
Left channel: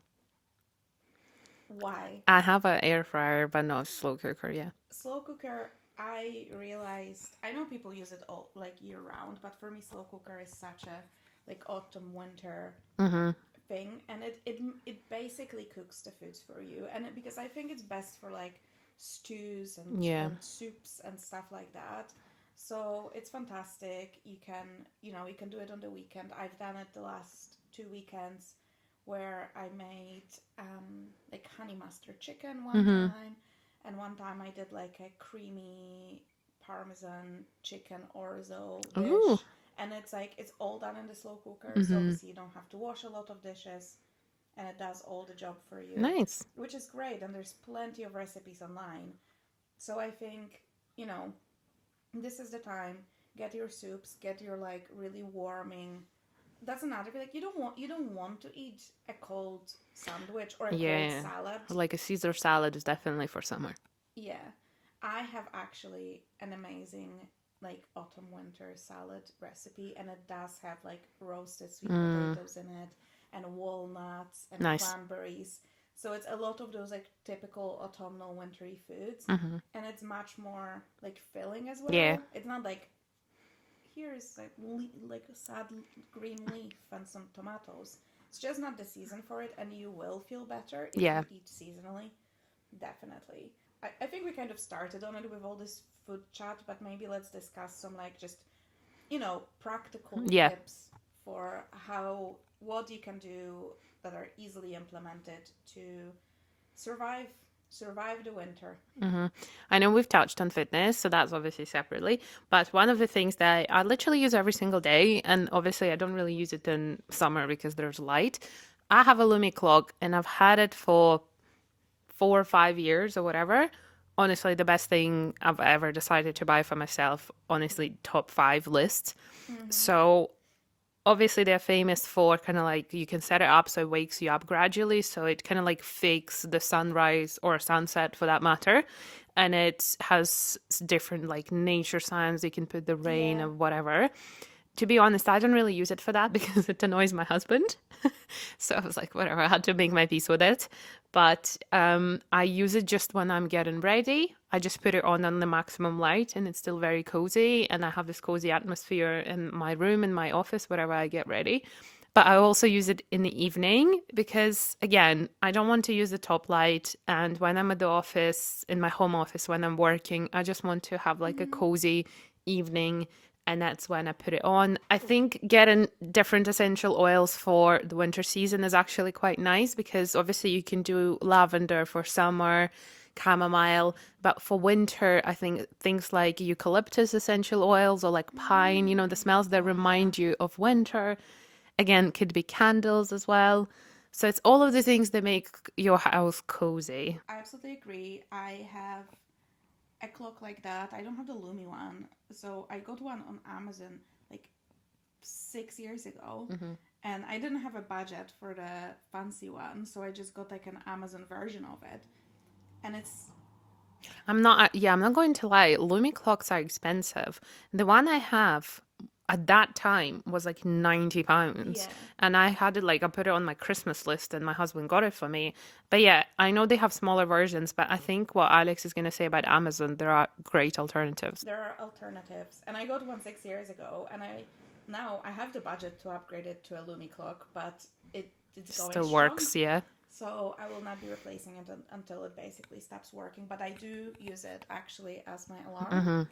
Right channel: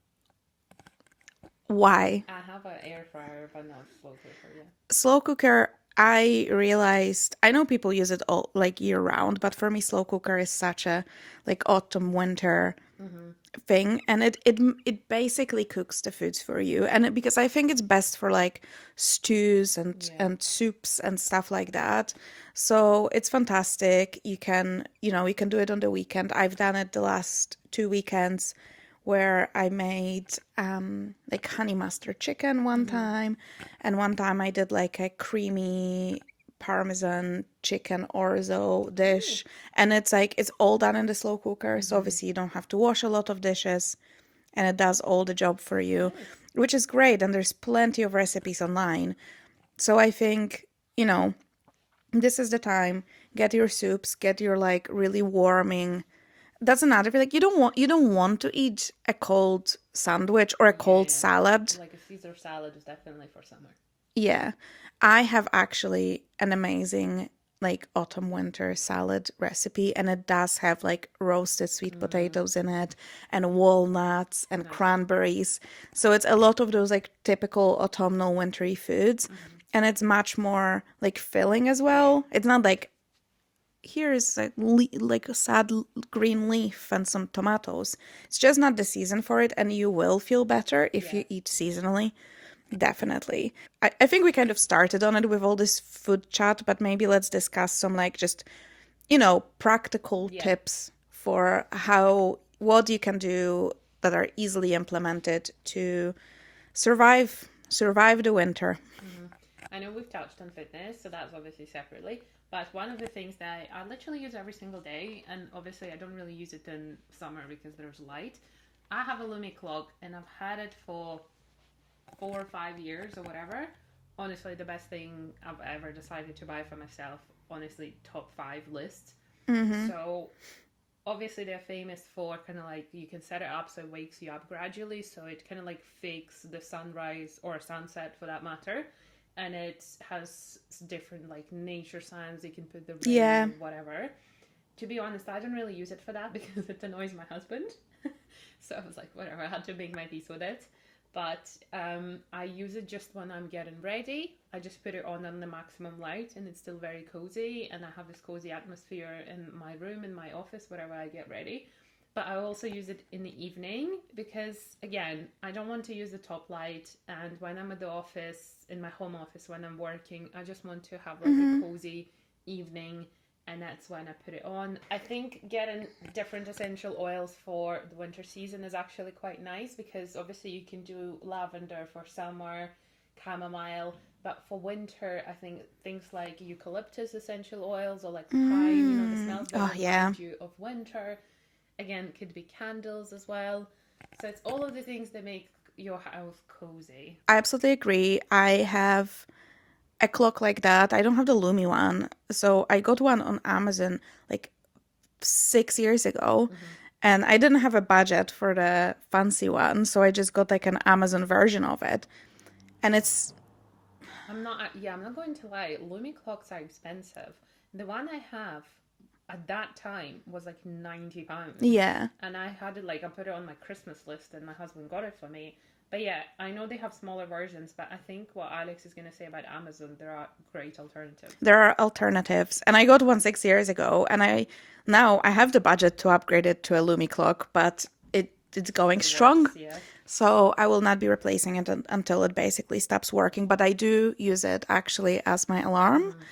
Why? I have an air fryer, but not a slow cooker. Yeah. Slow cooker, I realized, I know people use it all like year round, but for me, slow cooker is such a like autumn, winter thing, and it basically cooks the foods for you, and because I think it's best for like stews Yeah. and soups and stuff like that. So it's fantastic. You can do it on the weekend. I've done it the last 2 weekends where I made like honey mustard chicken one time, and one time I did like a creamy parmesan chicken orzo Ooh. dish, and it's like it's all done in the slow cooker, so obviously you don't have to wash a lot of dishes, and it does all the job for you, Nice. which is great. And there's plenty of recipes online, so I think this is the time. Get your soups, get your like really warming. That's another thing. Like you don't want to eat a cold sandwich or a cold Yeah. salad. Like a Caesar salad is definitely for summer. Yeah. I have actually an amazing like autumn winter salad recipe, and it does have like roasted sweet potatoes in it and walnuts and Nice. cranberries. So it's a lot of those like typical autumnal wintry foods, and it's much more like filling as Yeah. well. It's not like here's like a sad green leaf and some tomatoes. It's just not the season for it, and you will feel better if Yeah. you eat seasonally. Definitely. I think we kind of started on it with all this food chat, but maybe let's discuss some like just, practical Yeah. tips for what you can do that are easily implemented to survive the winter. I know we've touched on fitness, so that's obviously separately. But one of the things that I literally use every single day, and obviously I don't really use it in summer because there's light. I have a Lumi clock, and I've had it for 4 or 5 years or whatever. Honestly, the best thing I've ever decided to buy for myself. Honestly, top five list. So obviously they're famous for kind of like you can set it up so it wakes you up gradually, so it kind of like fakes the sunrise or sunset for that matter, and it has different like nature signs. You can put the rain Yeah. or whatever. To be honest, I don't really use it for that because it annoys my husband. So I was like, whatever, I had to make my peace with it. But I use it just when I'm getting ready. I just put it on the maximum light, and it's still very cozy. And I have this cozy atmosphere in my room, in my office, wherever I get ready. But I also use it in the evening because, again, I don't want to use the top light. And when I'm at the office, in my home office, when I'm working, I just want to have like a cozy evening, and that's when I put it on. I think getting different essential oils for the winter season is actually quite nice because obviously you can do lavender for summer, chamomile, but for winter, I think things like eucalyptus essential oils or like pine, the smells that Oh yeah. remind you of winter. Again, could be candles as well. So it's all of the things that make your house cozy. I absolutely agree. I have a clock like that. I don't have the Lumi one. So I got one on Amazon like 6 years ago. And I didn't have a budget for the fancy one. So I just got like an Amazon version of it. And it's, I'm not going to lie. Lumi clocks are expensive. The one I have at that time was like £90. yeah, And I had it like, I put it on my Christmas list and my husband got it for me. But yeah, I know they have smaller versions, but I think what Alex is going to say about Amazon, there are great alternatives. there are alternatives. And I got one 6 years ago. And now I have the budget to upgrade it to a Lumi clock, but it's going Still strong. works, yeah. So I will not be replacing it until it basically stops working. But I do use it actually as my alarm.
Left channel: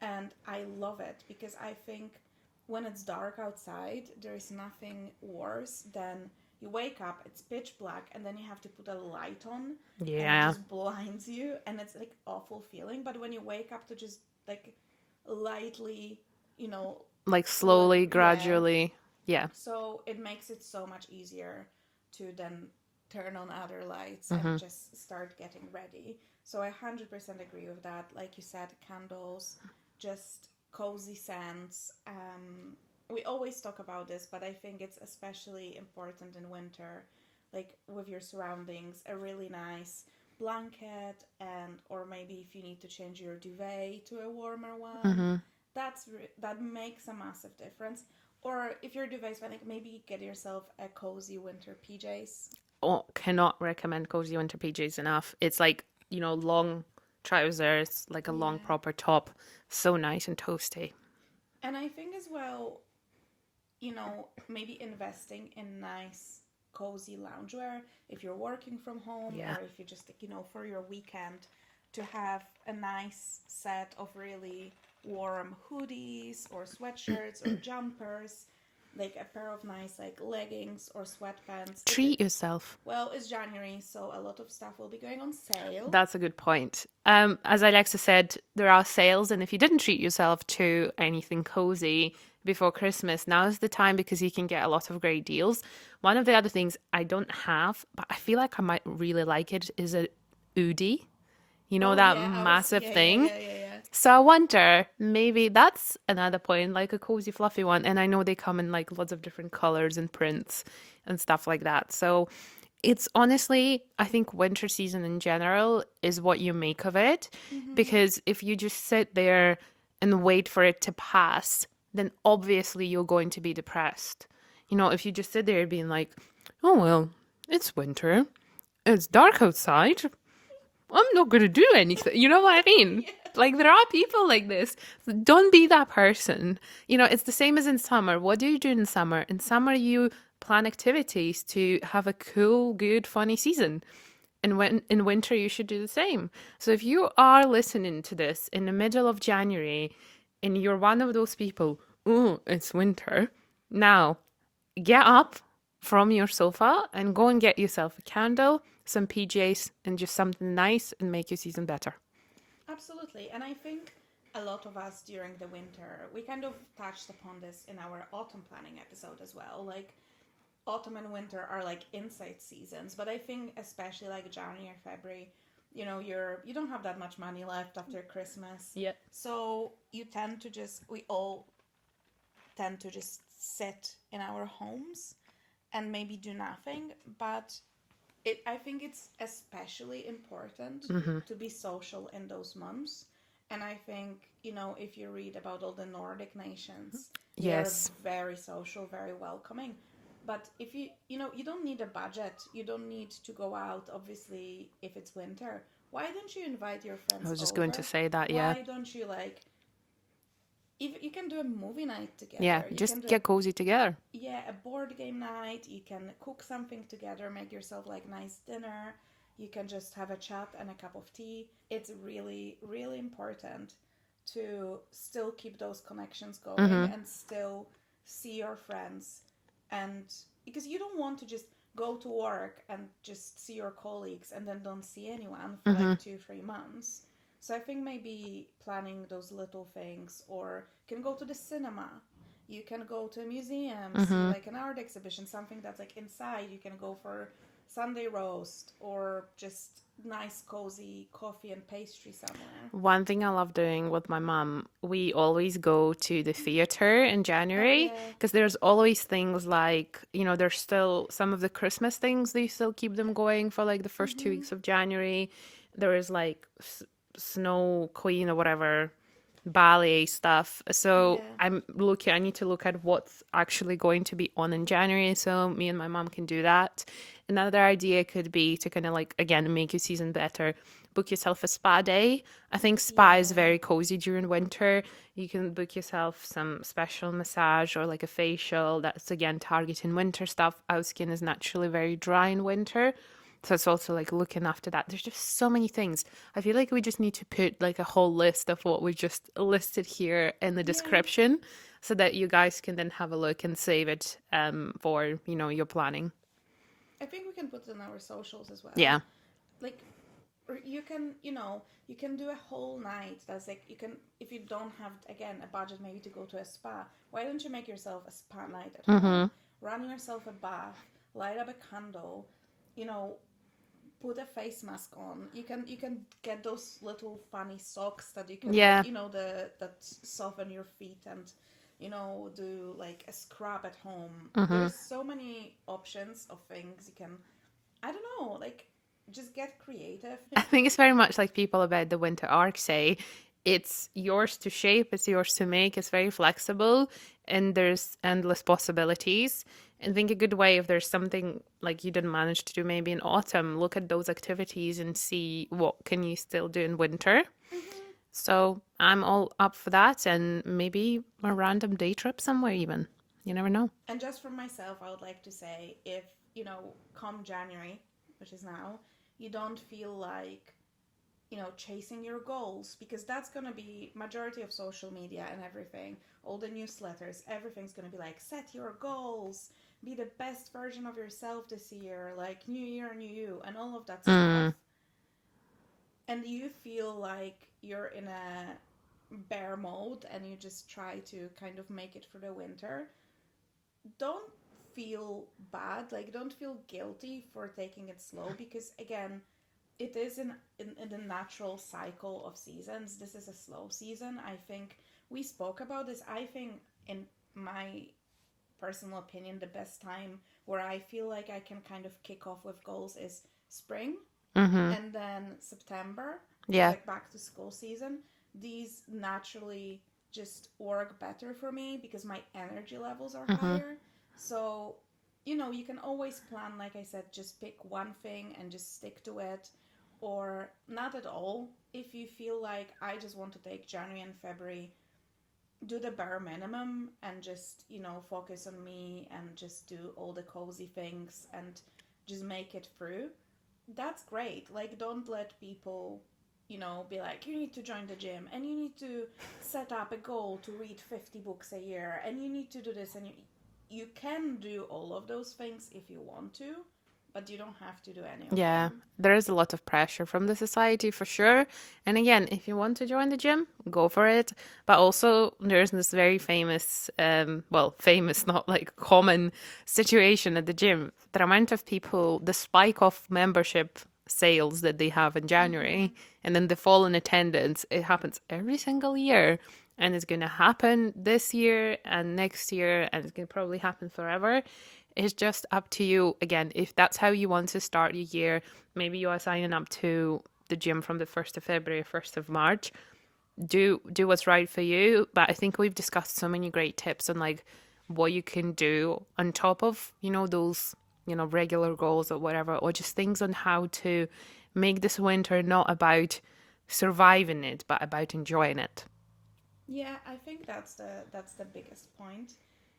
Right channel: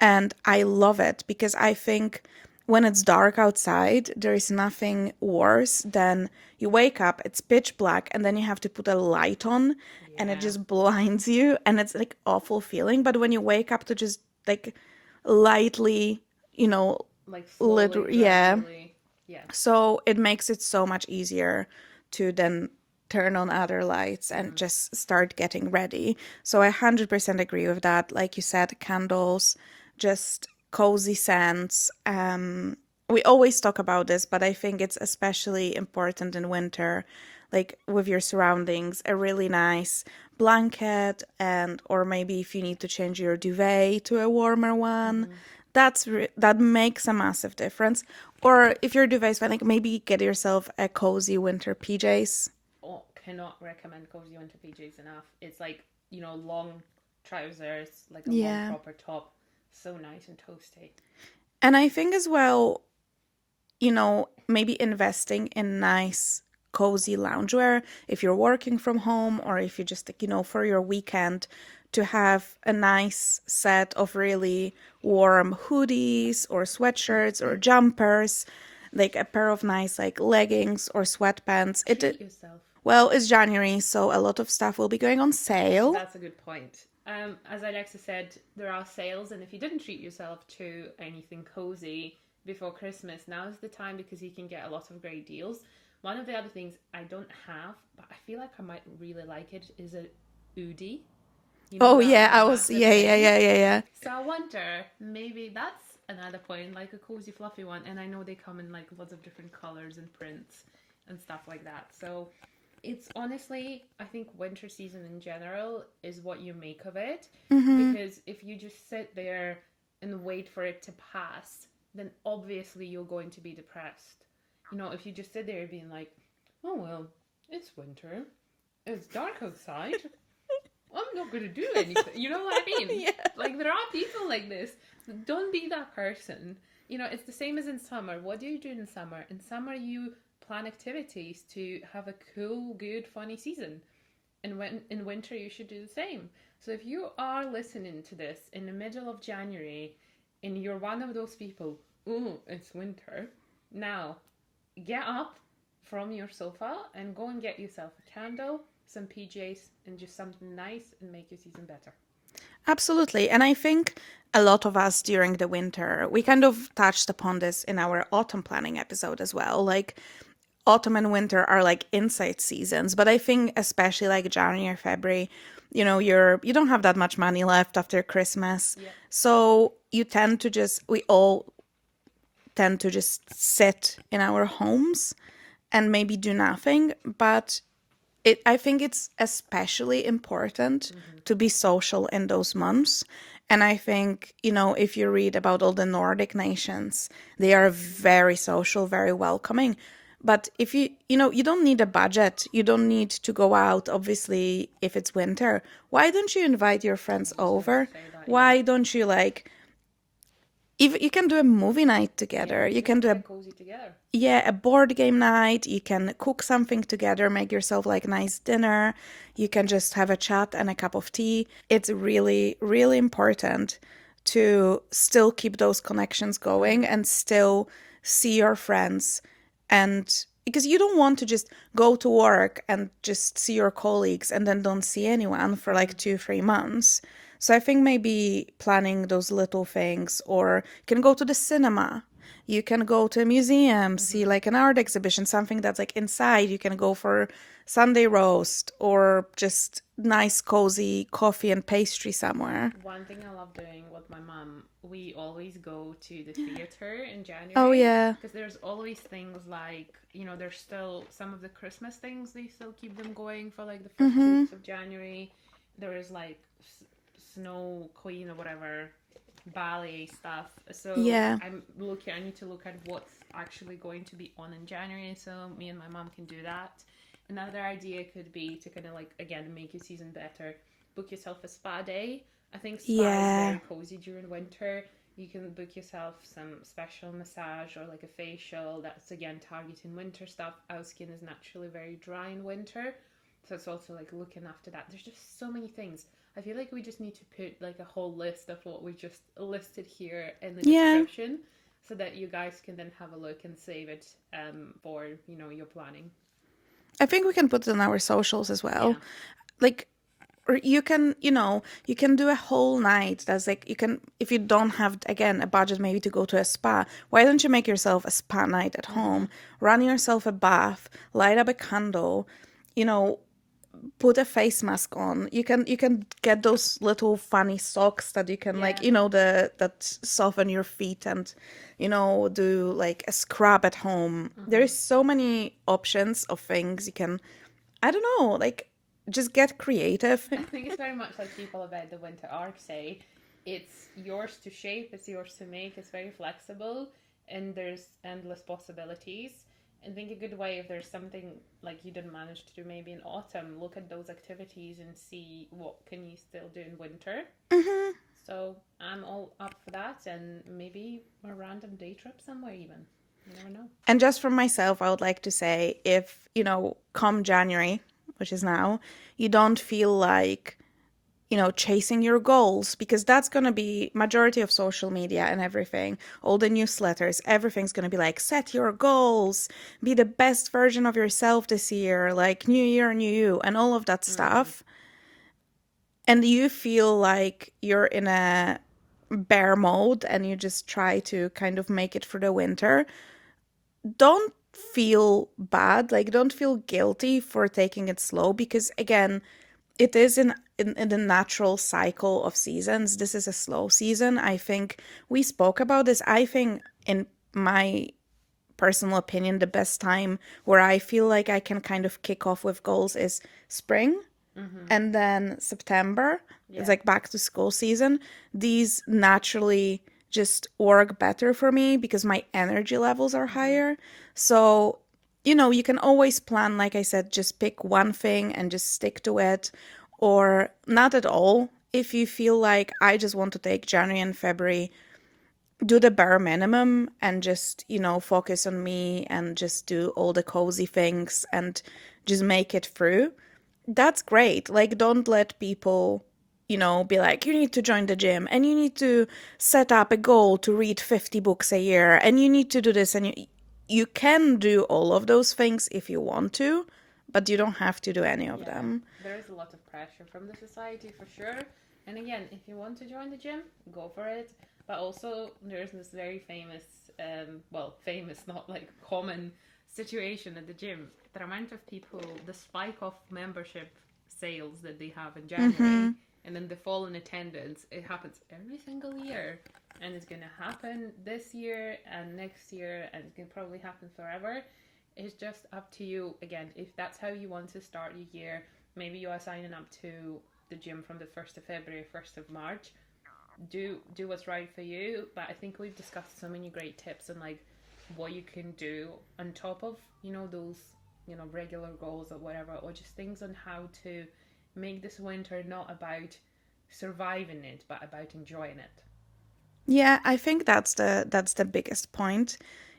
And I love it because I think when it's dark outside, there is nothing worse than you wake up, it's pitch black, and then you have to put a light on and it Yeah. just blinds you. And it's like awful feeling. But when you wake up to just like lightly, you know, Like slowly, yeah, gradually. Yeah. so it makes it so much easier to then turn on other lights and just start getting ready. So I 100% agree with that. Like you said, candles, just cozy scents. We always talk about this, but I think it's especially important in winter, like with your surroundings, a really nice blanket, and or maybe if you need to change your duvet to a warmer one, that makes a massive difference. Or if your duvet is fine, like maybe get yourself a cozy winter PJs. Oh, cannot recommend cozy winter PJs enough. It's like, long trousers, like a long Yeah. proper top. So nice and toasty. And I think as well, maybe investing in nice, cozy loungewear if you're working from home Yeah. or if you just, like, for your weekend, to have a nice set of really warm hoodies or sweatshirts or jumpers, like a pair of nice, like, leggings or sweatpants. Treat yourself. Well, it's January, so a lot of stuff will be going on sale. That's a good point. As Alexa said, there are sales, and if you didn't treat yourself to anything cozy before Christmas, now is the time because you can get a lot of great deals. One of the other things I don't have, but I feel like I might really like it, is a Oodie. You know, Oh that yeah, massive yeah, yeah, thing. yeah, yeah, yeah. So I wonder, maybe that's another point, like a cozy, fluffy one. And I know they come in like lots of different colors and prints and stuff like that. So it's honestly, I think winter season in general is what you make of it. Mm-hmm. Because if you just sit there and wait for it to pass, then obviously you're going to be depressed. If you just sit there being like, oh, well, it's winter, it's dark outside, I'm not going to do anything. You know what I mean? Yeah. Like, there are people like this. Don't be that person. It's the same as in summer. What do you do in summer? In summer, you plan activities to have a cool, good, funny season. And when in winter, you should do the same. So if you are listening to this in the middle of January and you're one of those people, oh, it's winter, now get up from your sofa and go and get yourself a candle, some PJs, and just something nice and make your season better. Absolutely. And I think a lot of us during the winter, we kind of touched upon this in our autumn planning episode as well. Like, autumn and winter are like inside seasons, but I think especially like January, February, you don't have that much money left after Christmas. Yep. So we all tend to just sit in our homes and maybe do nothing. But I think it's especially important to be social in those months. And I think, if you read about all the Nordic nations, they are Yes. very social, very welcoming. But if you don't need a budget, you don't need to go out, obviously, if it's winter. Why don't you invite your I friends was just going to over? say that, yeah. Why don't you, like, if you can do a movie night Yeah, together, you just can do get cozy together. a board game night, you can cook something together, make yourself like nice dinner, you can just have a chat and a cup of tea. It's really, really important to still keep those connections going and still see your friends. And because you don't want to just go to work and just see your colleagues and then don't see anyone for like 2, 3 months. So I think maybe planning those little things, or you can go to the cinema, you can go to a museum, see like an art exhibition, something that's like inside. You can go for Sunday roast or just nice cozy coffee and pastry somewhere. One thing I love doing with my mum, we always go to the theater in Oh January yeah. because there's always things like, there's still some of the Christmas things, they still keep them going for like the first 2 weeks of January. There is like Snow Queen or whatever ballet stuff. So Yeah. I need to look at what's actually going to be on in January so me and my mom can do that. Another idea could be to kind of like, again, make your season better. Book yourself a spa day. I think spa is Yeah. very cozy during winter. You can book yourself some special massage or like a facial that's again targeting winter stuff. Our skin is naturally very dry in winter. So it's also like looking after that. There's just so many things. I feel like we just need to put like a whole list of what we just listed here in the Yeah. description so that you guys can then have a look and save it for, your planning. I think we can put it on our socials as well. Yeah. Like, or you can do a whole night. That's like, you can, if you don't have, again, a budget maybe to go to a spa, why don't you make yourself a spa night at home? Run yourself a bath, light up a candle, put a face mask on. You can get those little funny socks that you can, Yeah. like, that soften your feet, and do like a scrub at home. There's so many options of things you can, I don't know, like, just get creative. I think it's very much like people about the winter arc say, it's yours to shape, it's yours to make, it's very flexible, and there's endless possibilities. And I think a good way, if there's something like you didn't manage to do maybe in autumn, look at those activities and see what can you still do in winter. Hmm. So I'm all up for that, and maybe a random day trip somewhere even. You never know. And just for myself, I would like to say if, come January, which is now, you don't feel like, chasing your goals, because that's going to be majority of social media and everything, all the newsletters, everything's going to be like, set your goals, be the best version of yourself this year, like new year, new you, and all of that Mm, stuff. And you feel like you're in a bear mode and you just try to kind of make it through the winter, don't feel bad, like don't feel guilty for taking it slow, because again, it is in the natural cycle of seasons. This is a slow season. I think we spoke about this. I think, in my personal opinion, the best time where I feel like I can kind of kick off with goals is spring, mm-hmm. and then September. It's Yeah. like back to school season. These naturally just work better for me because my energy levels are Mm-hmm. higher. So, you can always plan, like I said, just pick one thing and just stick to it, or not at all. If you feel like I just want to take January and February, do the bare minimum and just, focus on me and just do all the cozy things and just make it through, that's great. Like, don't let people, be like, you need to join the gym and you need to set up a goal to read 50 books a year and you need to do this. And you can do all of those things if you want to, but you don't have to do any of Yeah, them. there is a lot of pressure from the society for sure. And again, if you want to join the gym, go for it. But also, there's this very famous, well, famous, not like common situation at the gym. The amount of people, the spike of membership sales that they have in Mm-hmm. January, and then the fall in attendance, it happens every single year. And it's going to happen this year and next year, and it's going to probably happen forever. It's just up to you. Again, if that's how you want to start your year, maybe you are signing up to the gym from the 1st of February, 1st of March. Do what's right for you. But I think we've discussed so many great tips on like what you can do on top of, those, regular goals or whatever, or just things on how to make this winter not about surviving it, but about enjoying it. Yeah, I think that's the biggest point,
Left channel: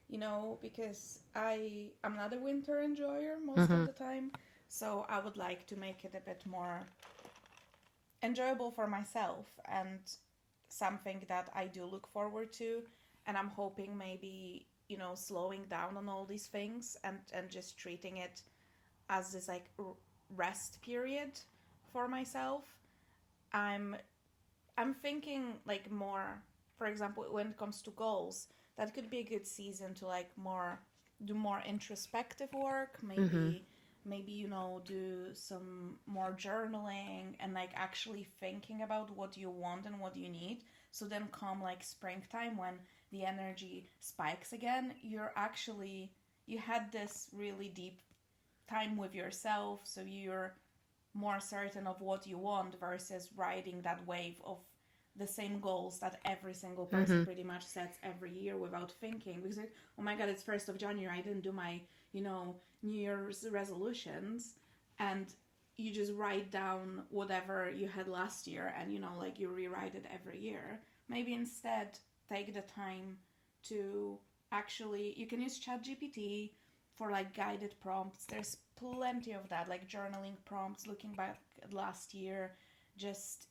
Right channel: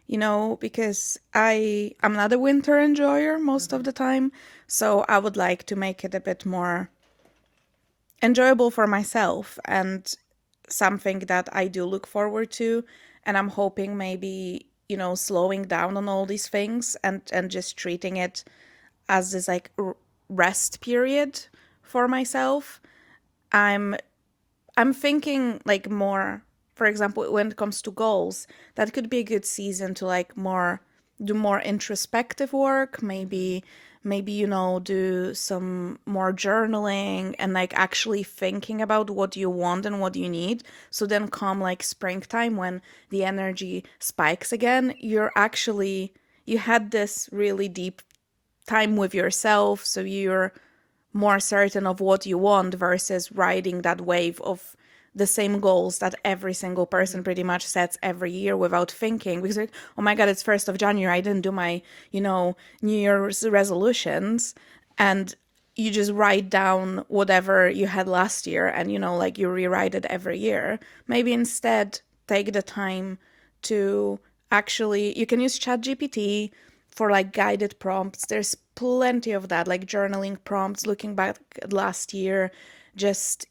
because I'm not a winter enjoyer most of Mm-hmm. the time, so I would like to make it a bit more enjoyable for myself and something that I do look forward to. And I'm hoping maybe, slowing down on all these things and just treating it as this like rest period for myself. I'm I'm thinking like more, for example, when it comes to goals, that could be a good season to like more do more introspective work, Mm-hmm. maybe do some more journaling and like actually thinking about what you want and what you need. So then come like springtime when the energy spikes again, you had this really deep time with yourself, so you're more certain of what you want versus riding that wave of the same goals that every single person Mm-hmm. pretty much sets every year without thinking, because like, oh my god, it's 1st of January, I didn't do my New Year's resolutions, and you just write down whatever you had last year and like you rewrite it every year. Maybe instead take the time to actually, you can use ChatGPT for like guided prompts. There's plenty of that, like journaling prompts, looking back at last year, just,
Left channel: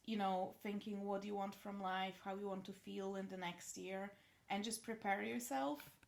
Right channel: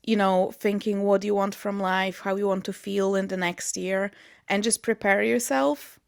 thinking what you want from life, how you want to feel in the next year, and just prepare yourself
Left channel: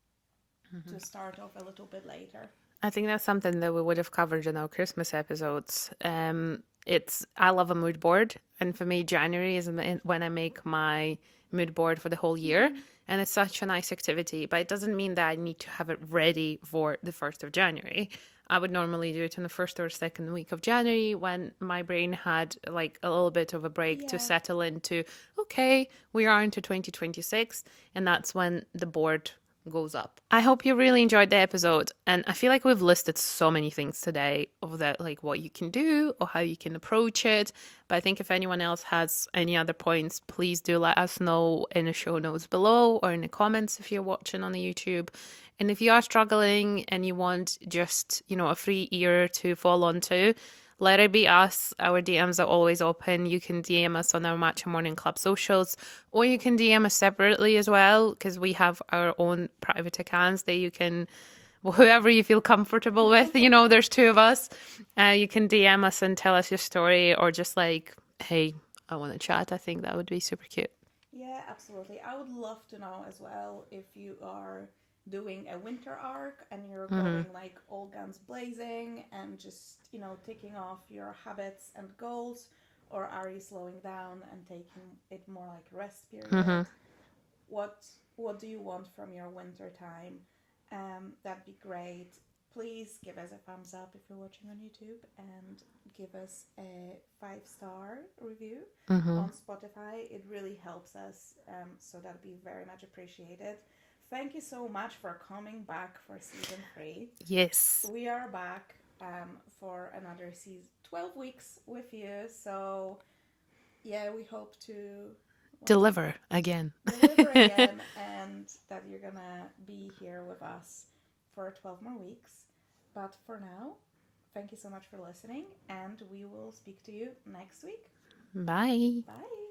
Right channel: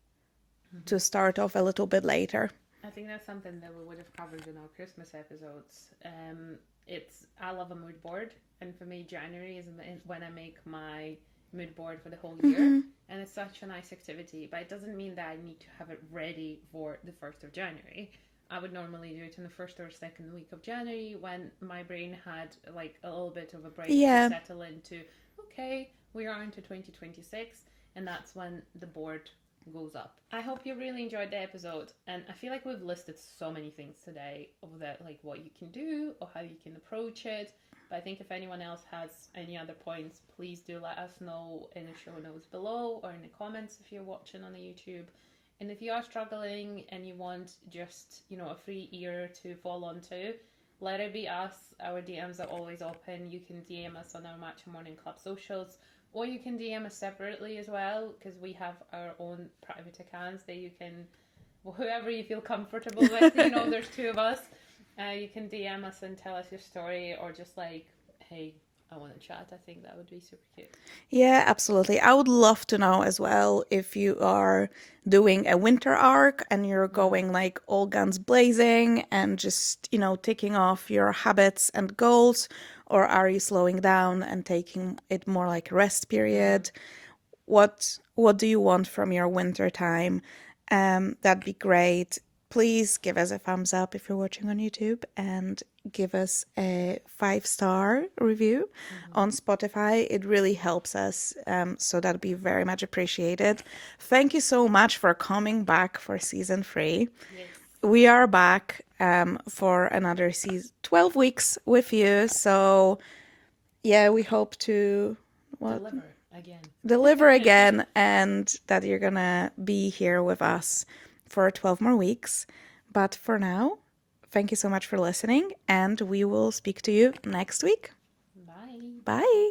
to start off a little bit later. I think that's something that we would have covered in our Christmas episodes. I love a mood board, and for me, January is when I make my mood board for the whole year, Mm-hmm. and it's such a nice activity. But it doesn't mean that I need to have it ready for the 1st of January. I would normally do it in the first or second week of January when my brain had like a little bit of a break to Yeah. settle into, okay, we are into 2026, and that's when the board goes up. I hope you really enjoyed the episode, and I feel like we've listed so many things today of that, like what you can do or how you can approach it. But I think if anyone else has any other points, please do let us know in the show notes below or in the comments if you're watching on the YouTube. And if you are struggling and you want just, a free ear to fall onto, let it be us. Our DMs are always open. You can DM us on our Matcha Morning Club socials, or you can DM us separately as well, because we have our own private accounts that you can, whoever you feel comfortable with, there's two of us. You can DM us and tell us your story, or just like, hey, I want to chat. I think that would be super cute. Yeah, absolutely. I would love to know as well if you are doing a winter arc and you're Mm, going like all guns blazing and just, ticking off your habits and goals, or are you slowing down and taking it more like a rest mm-hmm. period? What do you want from your winter time? That'd be great. Please give us a thumbs up if you're watching on YouTube and give us a 5-star review Mm-hmm. on Spotify. It really helps us. So that'd be very much appreciated. Thank you so much for coming back for season 3. Yes. We are back for another season, 12 weeks with you. So yeah, we hope to, well, Deliver again. deliver again, and that you're gonna be here with us for 12 more weeks. But for now, thank you so much for listening, and we will speak to you next week. Bye. Bye.